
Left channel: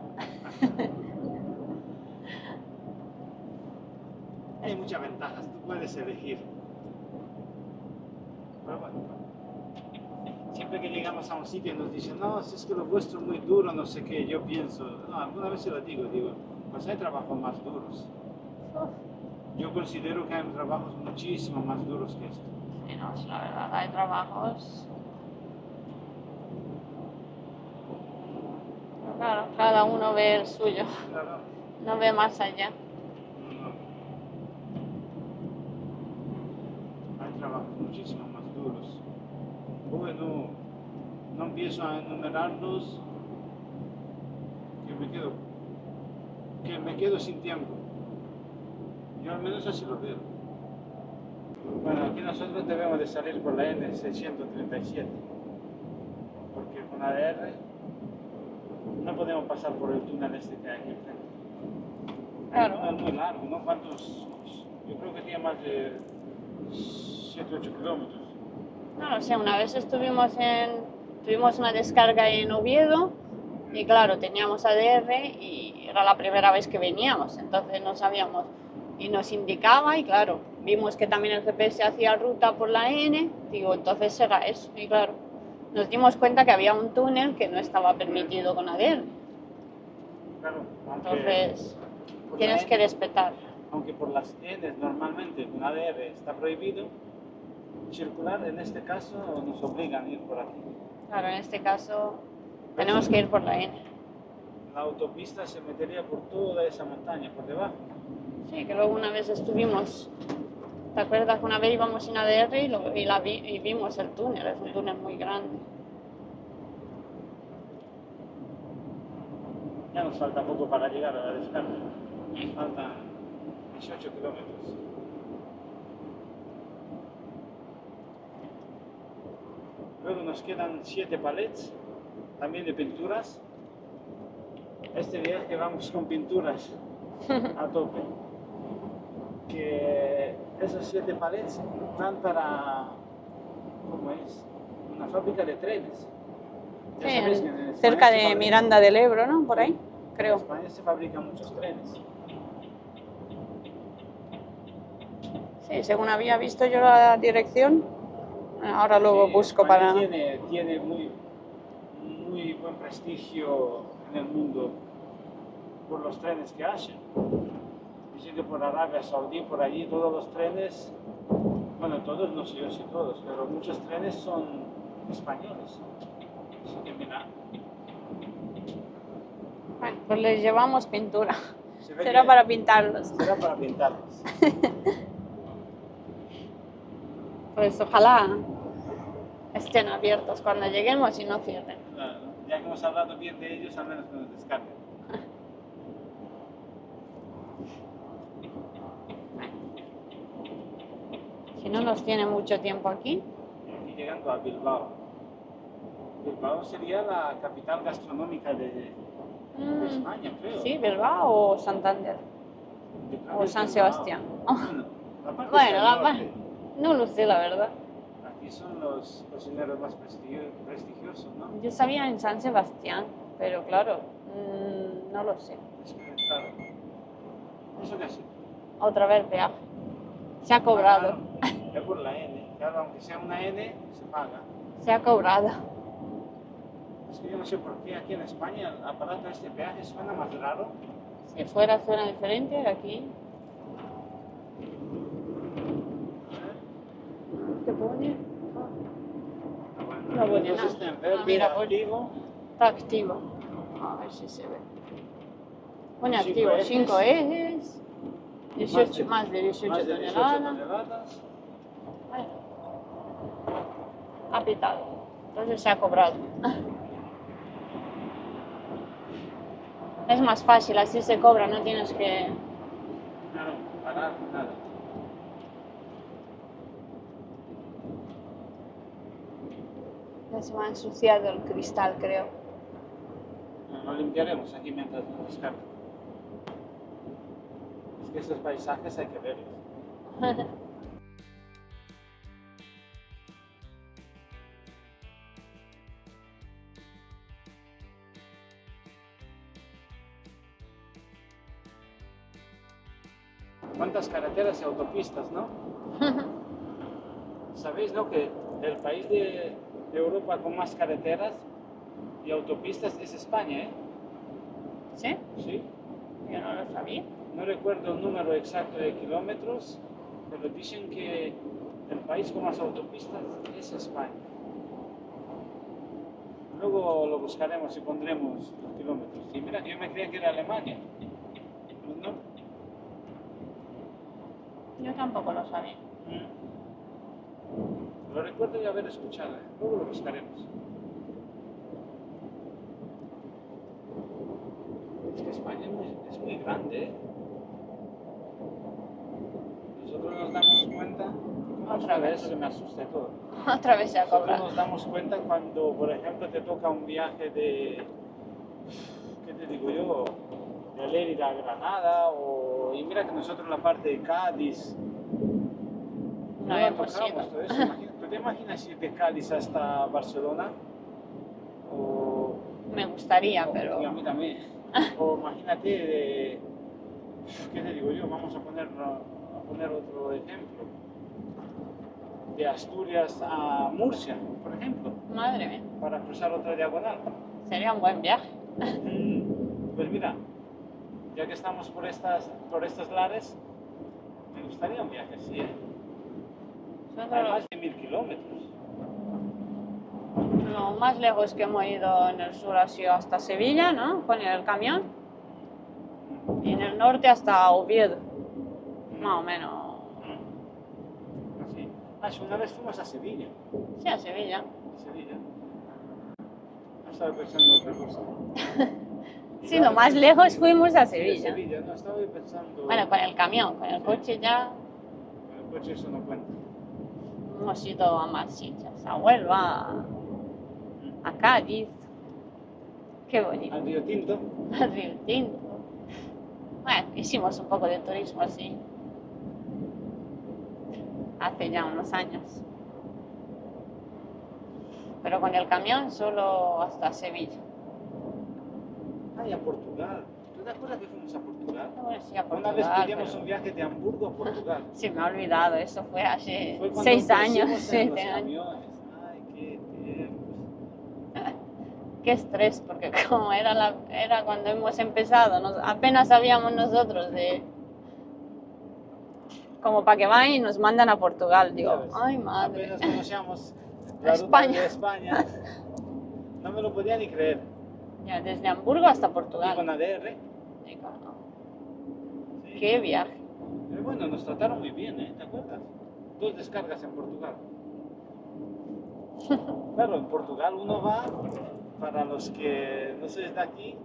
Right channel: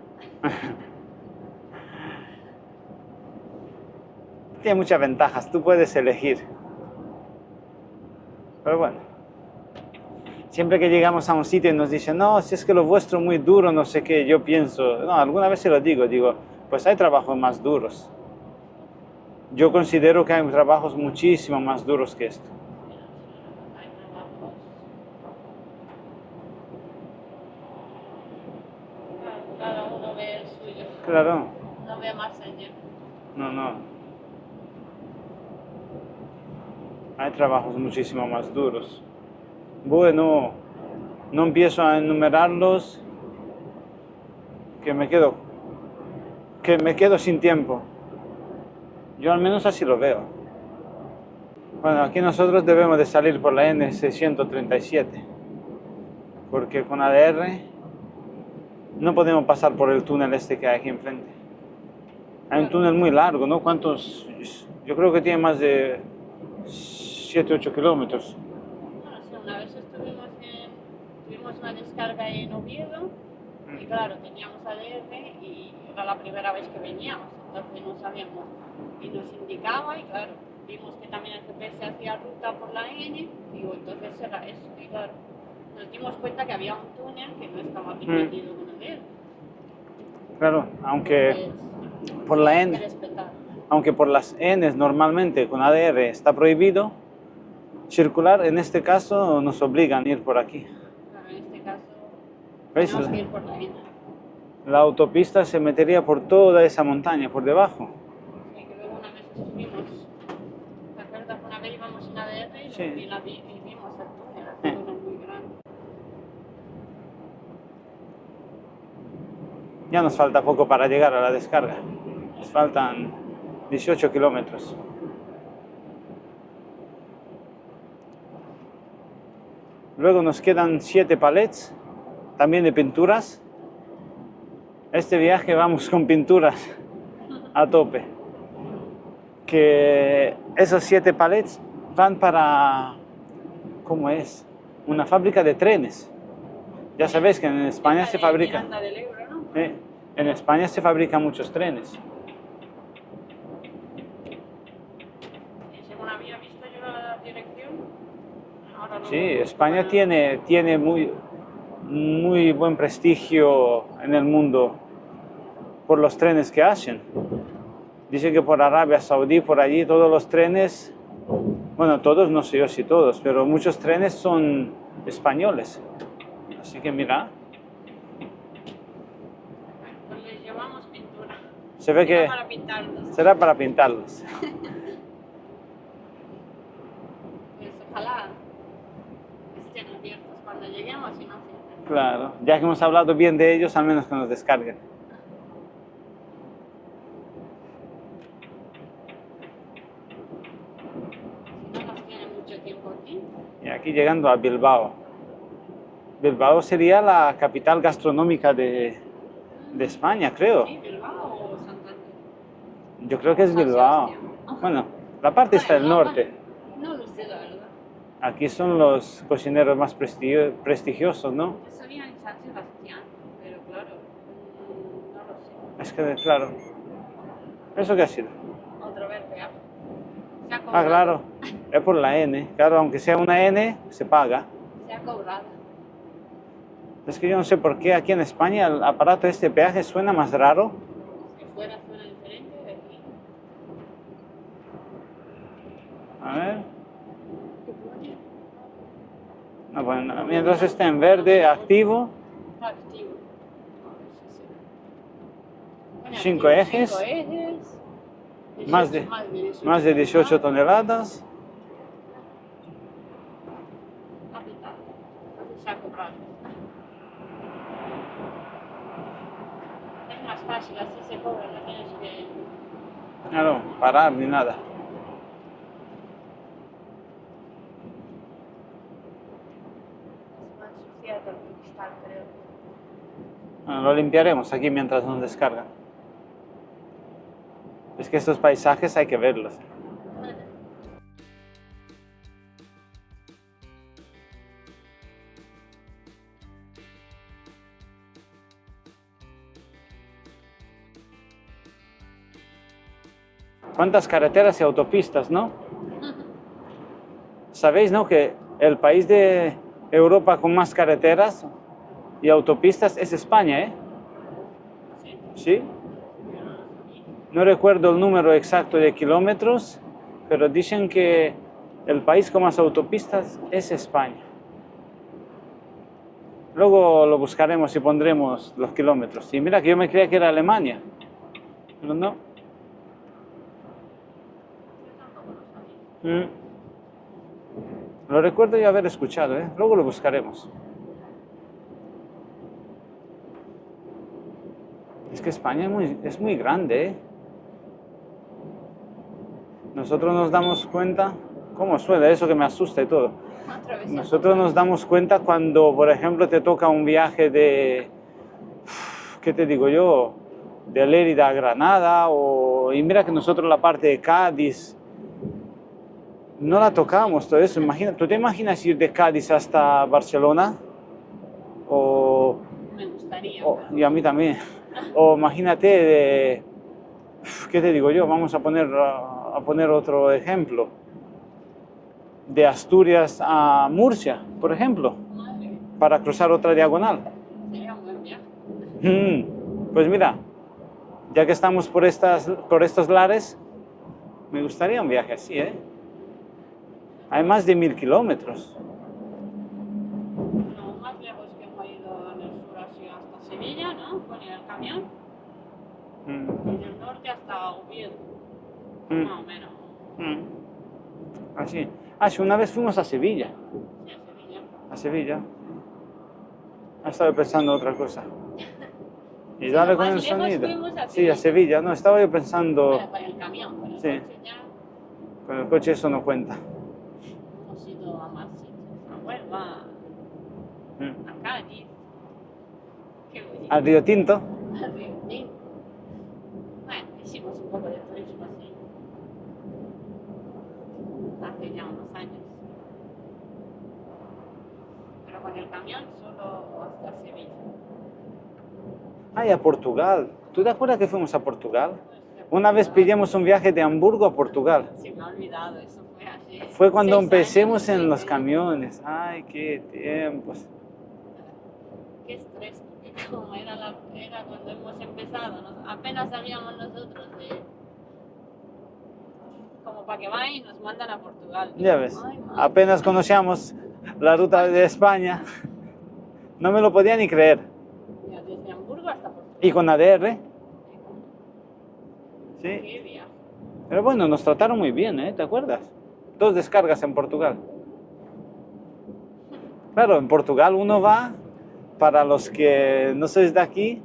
Tiene muchas ventajas, tú puedes elegir. Pero bueno, siempre que llegamos a un sitio y nos dicen, no, si es que lo vuestro es muy duro, no sé qué, yo pienso, no, alguna vez se lo digo, pues hay trabajos más duros. Yo considero que hay trabajos muchísimo más duros que esto. Sí, no, es la verdad, hay trabajos. Claro, cada uno ve el suyo, Claro, no ve más allá. no. Hay trabajos muchísimo más duros. Bueno, no empiezo a enumerarlos, que me quedo sin tiempo. Yo al menos así lo veo. Bueno, aquí nosotros debemos de salir por la N637, porque con ADR no podemos pasar por el túnel este que hay aquí enfrente. Hay un Claro. túnel muy largo, ¿no? ¿Cuántos? Yo creo que tiene más de 7, 8 kilómetros. No lo sé, una vez tuvimos una descarga en Oviedo y claro, teníamos ADR y era la primera vez que veníamos, entonces no sabíamos y nos indicaba y claro, vimos que también el GPS hacía ruta por la N, digo, entonces era eso y claro, nos dimos cuenta que había un túnel que no estaba permitido con ADR, Claro, aunque entonces por la tienes que N, respetar. aunque por las Ns normalmente con ADR está prohibido circular, en este caso nos obligan a ir por aquí. Claro, en este caso ¿Ves? tenemos que ir por la N. La autopista se metería por toda esa montaña, por debajo. Sí, que luego una vez estuvimos, ¿te acuerdas que una vez íbamos en ADR y, Sí. y vimos el túnel? Es un túnel muy grande. Ya nos falta poco para llegar a la descarga. Nos faltan 18 kilómetros. Luego nos quedan 7 palets, también de pinturas. Este viaje vamos con pinturas a tope. Que esos 7 palets van para, ¿cómo es? Una fábrica de trenes. Ya sabéis que en España cerca se de fabrica... Miranda del Ebro, ¿no? Por Sí, ahí. en creo. España se fabrican muchos trenes. Sí, según había visto yo la dirección, ahora lo Sí, busco España para... tiene muy buen prestigio en el mundo por los trenes que hacen. Dicen que por Arabia Saudí, por allí, todos los trenes, bueno, todos, no sé yo si todos, pero muchos trenes son españoles. Así que mira, Bueno, pues les llevamos pintura. se ve Será que para pintarlos. será para pintarlos. Pues ojalá estén abiertos cuando lleguemos y no cierren. Claro, ya que hemos hablado bien de ellos, al menos que nos descarguen. Si no nos tiene mucho tiempo aquí. Y aquí llegando a Bilbao. Bilbao sería la capital gastronómica de España, creo. Sí, Bilbao o Santander. Yo creo que O es San Bilbao. Sebastián. Bueno, la parte está Bueno, al norte. No lo sé, la verdad. Aquí son los cocineros más prestigiosos, ¿no? Yo sabía en San Sebastián, pero claro, no lo sé. Es que, claro. ¿Eso qué ha sido? Otra vez viaje. Se ha Ah, cobrado. claro. Es por la N. Claro, aunque sea una N, se paga. Se ha cobrado. Es que yo no sé por qué aquí en España el aparato de este peaje suena más raro. Si fuera zona diferente, aquí. A ver. ¿Qué pone? Bueno, No, mientras bueno, está en no, verde, mira, activo. Está activo. A ver si se ve. Bueno, 5 tío, ejes. 5 ejes. 18, Más de 18 toneladas. Ay, ha pitado. Entonces se ha cobrado. Es más fácil, así se cobra, no tienes que... Claro, parar ni nada. Ya se me ha ensuciado el cristal, creo. Bueno, lo limpiaremos aquí mientras nos descargan. Es que estos paisajes hay que verlos. ¿Cuántas carreteras y autopistas, no? ¿Sabéis, no, que el país de Europa con más carreteras y autopistas es España, ¿eh? ¿Sí? Sí. Yo no lo sabía. No recuerdo el número exacto de kilómetros, pero dicen que el país con más autopistas es España. Luego lo buscaremos y pondremos los kilómetros. Y mira que yo me creía que era Alemania, pero no. Yo tampoco lo sabía. Lo recuerdo ya haber escuchado, ¿eh? Luego lo buscaremos. Es que España es muy grande, ¿eh? Nosotros nos damos cuenta, ¿cómo suena eso que me asusta y todo? Otra vez se ha Nosotros cobrado. nos damos cuenta cuando, por ejemplo, te toca un viaje de, ¿qué te digo yo? De Lérida a Granada, y mira que nosotros la parte de Cádiz no la hemos tocamos, ido. todo eso. ¿Tú te imaginas ir de Cádiz hasta Barcelona? O, Me gustaría, pero... y a mí también. O imagínate de, ¿qué te digo yo? Vamos a poner otro ejemplo. De Asturias a Murcia, por ejemplo, Madre mía, para cruzar otra diagonal. sería un buen viaje. Pues mira, ya que estamos por estos lares, me gustaría un viaje así, ¿eh? Hay más de 1000 kilómetros. Lo más lejos que hemos ido en el sur ha sido hasta Sevilla, ¿no? Con el camión. Y en el norte hasta Oviedo, más o menos. Así. Sí, una vez fuimos a Sevilla. Sí, a Sevilla. A Sevilla. Estaba pensando otra cosa. Y Sí, dale lo con más el lejos sonido. fuimos a Sí, Sevilla. a Sevilla. No, estaba yo pensando... Bueno, con el camión, con el Sí. coche ya Con el coche eso no cuenta. hemos ido a más sitios, a Huelva, a Cádiz. Qué bonito. Al Río Tinto. Al Río Tinto. Bueno, hicimos un poco de turismo así. Hace ya unos años. Pero con el camión solo hasta Sevilla. Ay, a Portugal. ¿Tú te acuerdas que fuimos a Portugal? Bueno, sí, a Una vez Portugal, pillamos un viaje de Hamburgo a Portugal. Sí, me ha olvidado, eso fue hace Fue cuando 6 años, empecemos en 7 los años. camiones. Ay, qué tiempos. Qué estrés, porque como era cuando hemos empezado, apenas sabíamos nosotros de... Como para que vayan y nos mandan a Portugal. Digo, Ya ves, ay, madre. apenas conocíamos la ruta de España. No me lo podía ni creer. Ya, desde Hamburgo hasta Portugal. Y con ADR. Digo, no, Sí. qué viaje. Pero bueno, nos trataron muy bien, ¿eh? ¿Te acuerdas? 2 descargas en Portugal. Claro, en Portugal uno va, para los que no sois de aquí,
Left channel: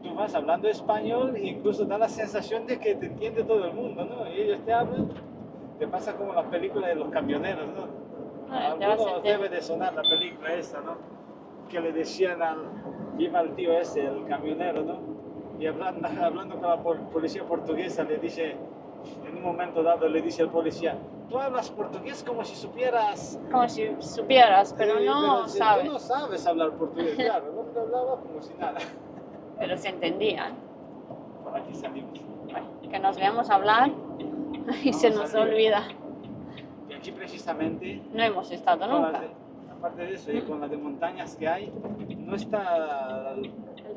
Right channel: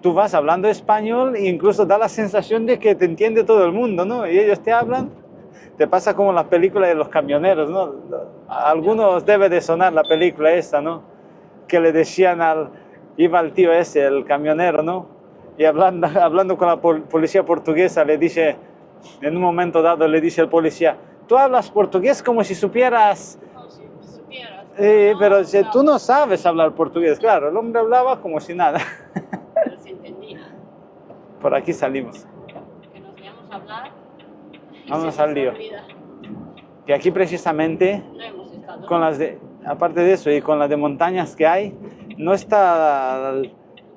tú vas hablando español e incluso da la sensación de que te entiende todo el mundo, ¿no? Y ellos te hablan, te pasa como las películas de los camioneros, ¿no? A algunos debe de sonar la película esta, ¿no? Que le decían iba el tío ese, el camionero, ¿no? Y hablando con la policía portuguesa, le dice, en un momento dado le dice el policía, tú hablas portugués como si supieras... Como si supieras, pero no pero tú no sabes hablar portugués, claro, el hombre hablaba como si nada. Pero se entendía. Por aquí salimos. Bueno, que nos veamos hablar y Vamos se nos al lío. olvida. Y aquí precisamente, No hemos estado con nunca. aparte de eso y con las de montañas que hay, no está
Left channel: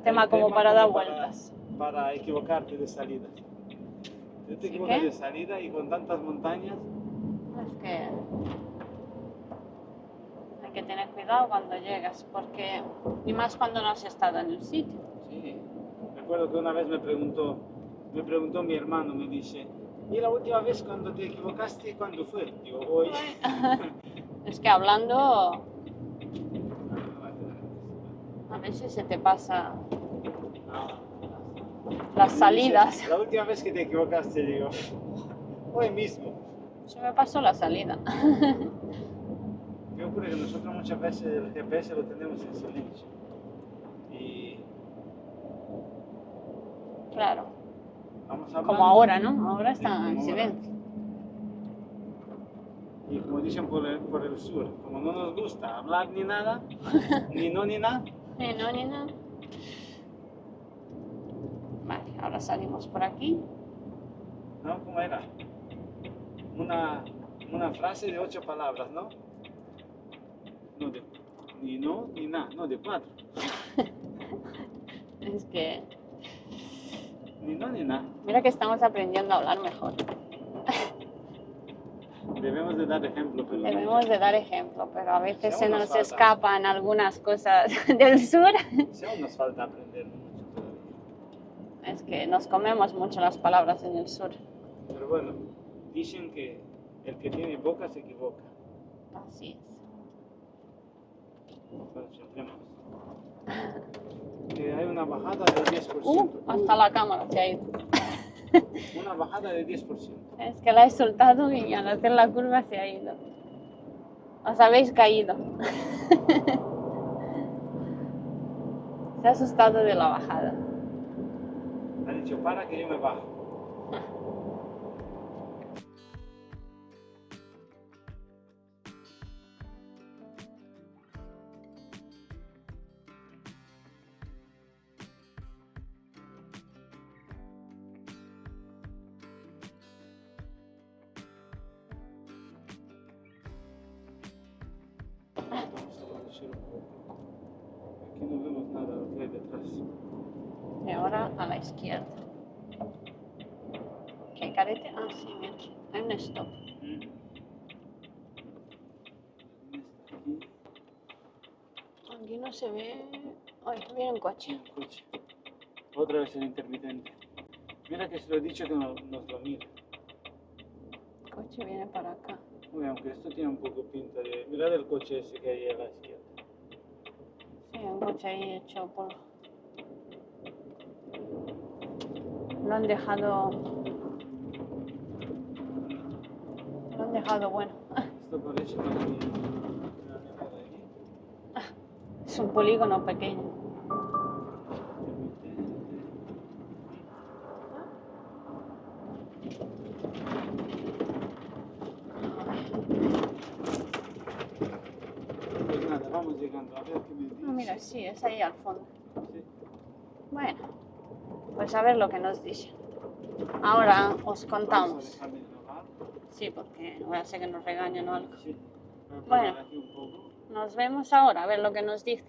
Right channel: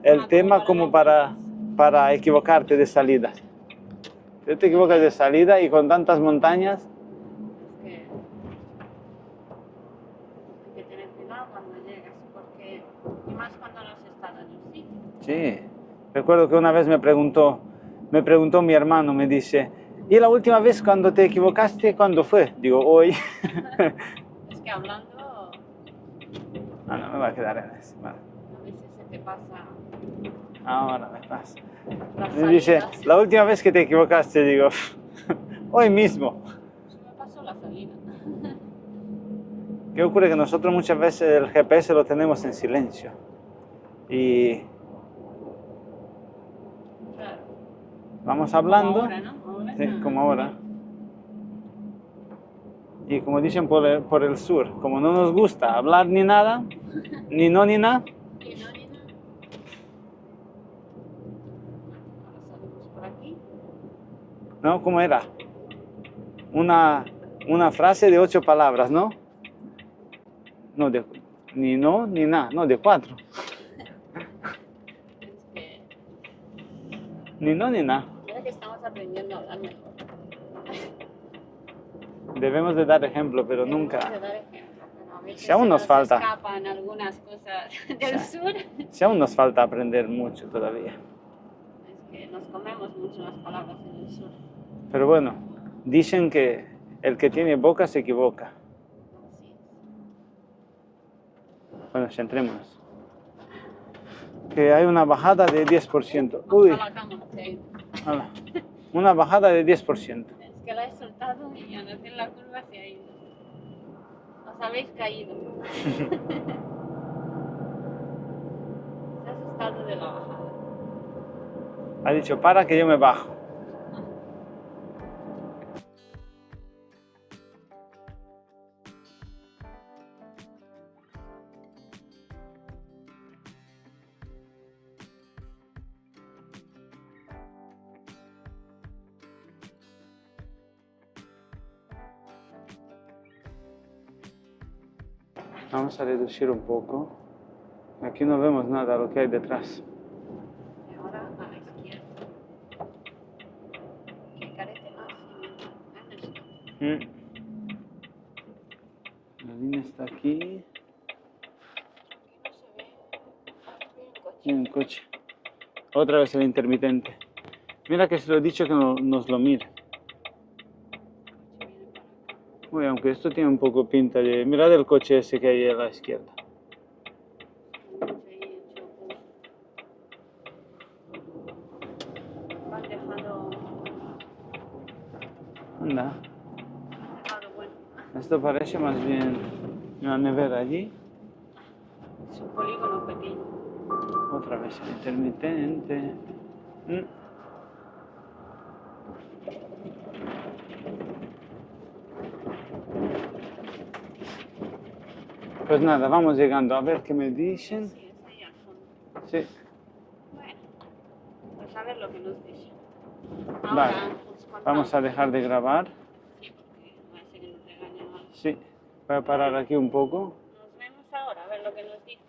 el tema como para equivocarte de salida. Tú te equivocas de salida y con tantas montañas... Es que hay que tener cuidado cuando llegas, porque y más cuando no has estado en el sitio. Sí, Recuerdo que una vez me preguntó mi hermano, me dice, ¿y la última vez cuando te equivocaste, cuándo fue? Digo, hoy. Es que hablando, Ah, no me va a quedar en eso. Vale. a veces se te pasa Ahora me pasa. las Me dice, salidas. la última vez que te equivocaste, digo, hoy mismo. Se me pasó la salida. ¿Qué ocurre? Que nosotros muchas veces el GPS lo tenemos en silencio. Y Claro. vamos Como hablando. ahora, ¿no? Ahora Sí, está como en ahora. silencio. Y como dicen por el sur, como no nos gusta hablar ni nada, ni no ni nada, No, ni nada. Vale, ahora salimos por aquí. ¿no? ¿Cómo era? Una frase de 8 palabras, ¿no? No, ni no ni nada, no, de 4. Es que, Ni no ni nada. mira que estamos aprendiendo a hablar mejor. Debemos de dar ejemplo, pero Debemos nunca. de dar ejemplo, pero a veces Si aún se nos nos falta. escapan algunas cosas del sur. Si aún nos falta aprender mucho todavía. Es que nos comemos mucho las palabras en el sur. Pero bueno, dicen que el que tiene boca se equivoca. Así es. Bueno, centrémonos. Que hay una bajada de 10%. Hasta Uy, la cámara se ha ido. ala. Una bajada de 10%. Es que la he soltado y al hacer la curva se ha ido. Os habéis caído. Se ha asustado de la bajada. Ha dicho, para que yo me bajo. Vamos a reducir un poco. Aquí no vemos nada lo que hay detrás. Y ahora a la izquierda. ¿Qué carete? Ah, sí, mira. Hay un stop. La línea está aquí. Aquí no se ve. Ay, viene un Y coche. un coche. Otra vez el intermitente. Mira que se lo he dicho que nos lo mire. El coche viene para acá. Uy, aunque esto tiene un poco pinta de... Mirad el coche ese que hay a la izquierda. Sí, un coche ahí hecho polvo. Lo han dejado. Anda. Lo han dejado bueno. Esto parece más bien una nevera allí. Es un polígono pequeño. Otra vez el intermitente. Pues nada, vamos llegando a ver qué me Mira, dicen. sí, es ahí al fondo. Sí. Bueno, pues a ver lo que nos dicen. Ahora os contamos. Vamos a dejar de grabar. Sí, porque voy a hacer que nos regañen o algo. Sí. Voy a parar Bueno. aquí un poco. Nos vemos ahora, a ver lo que nos dicen.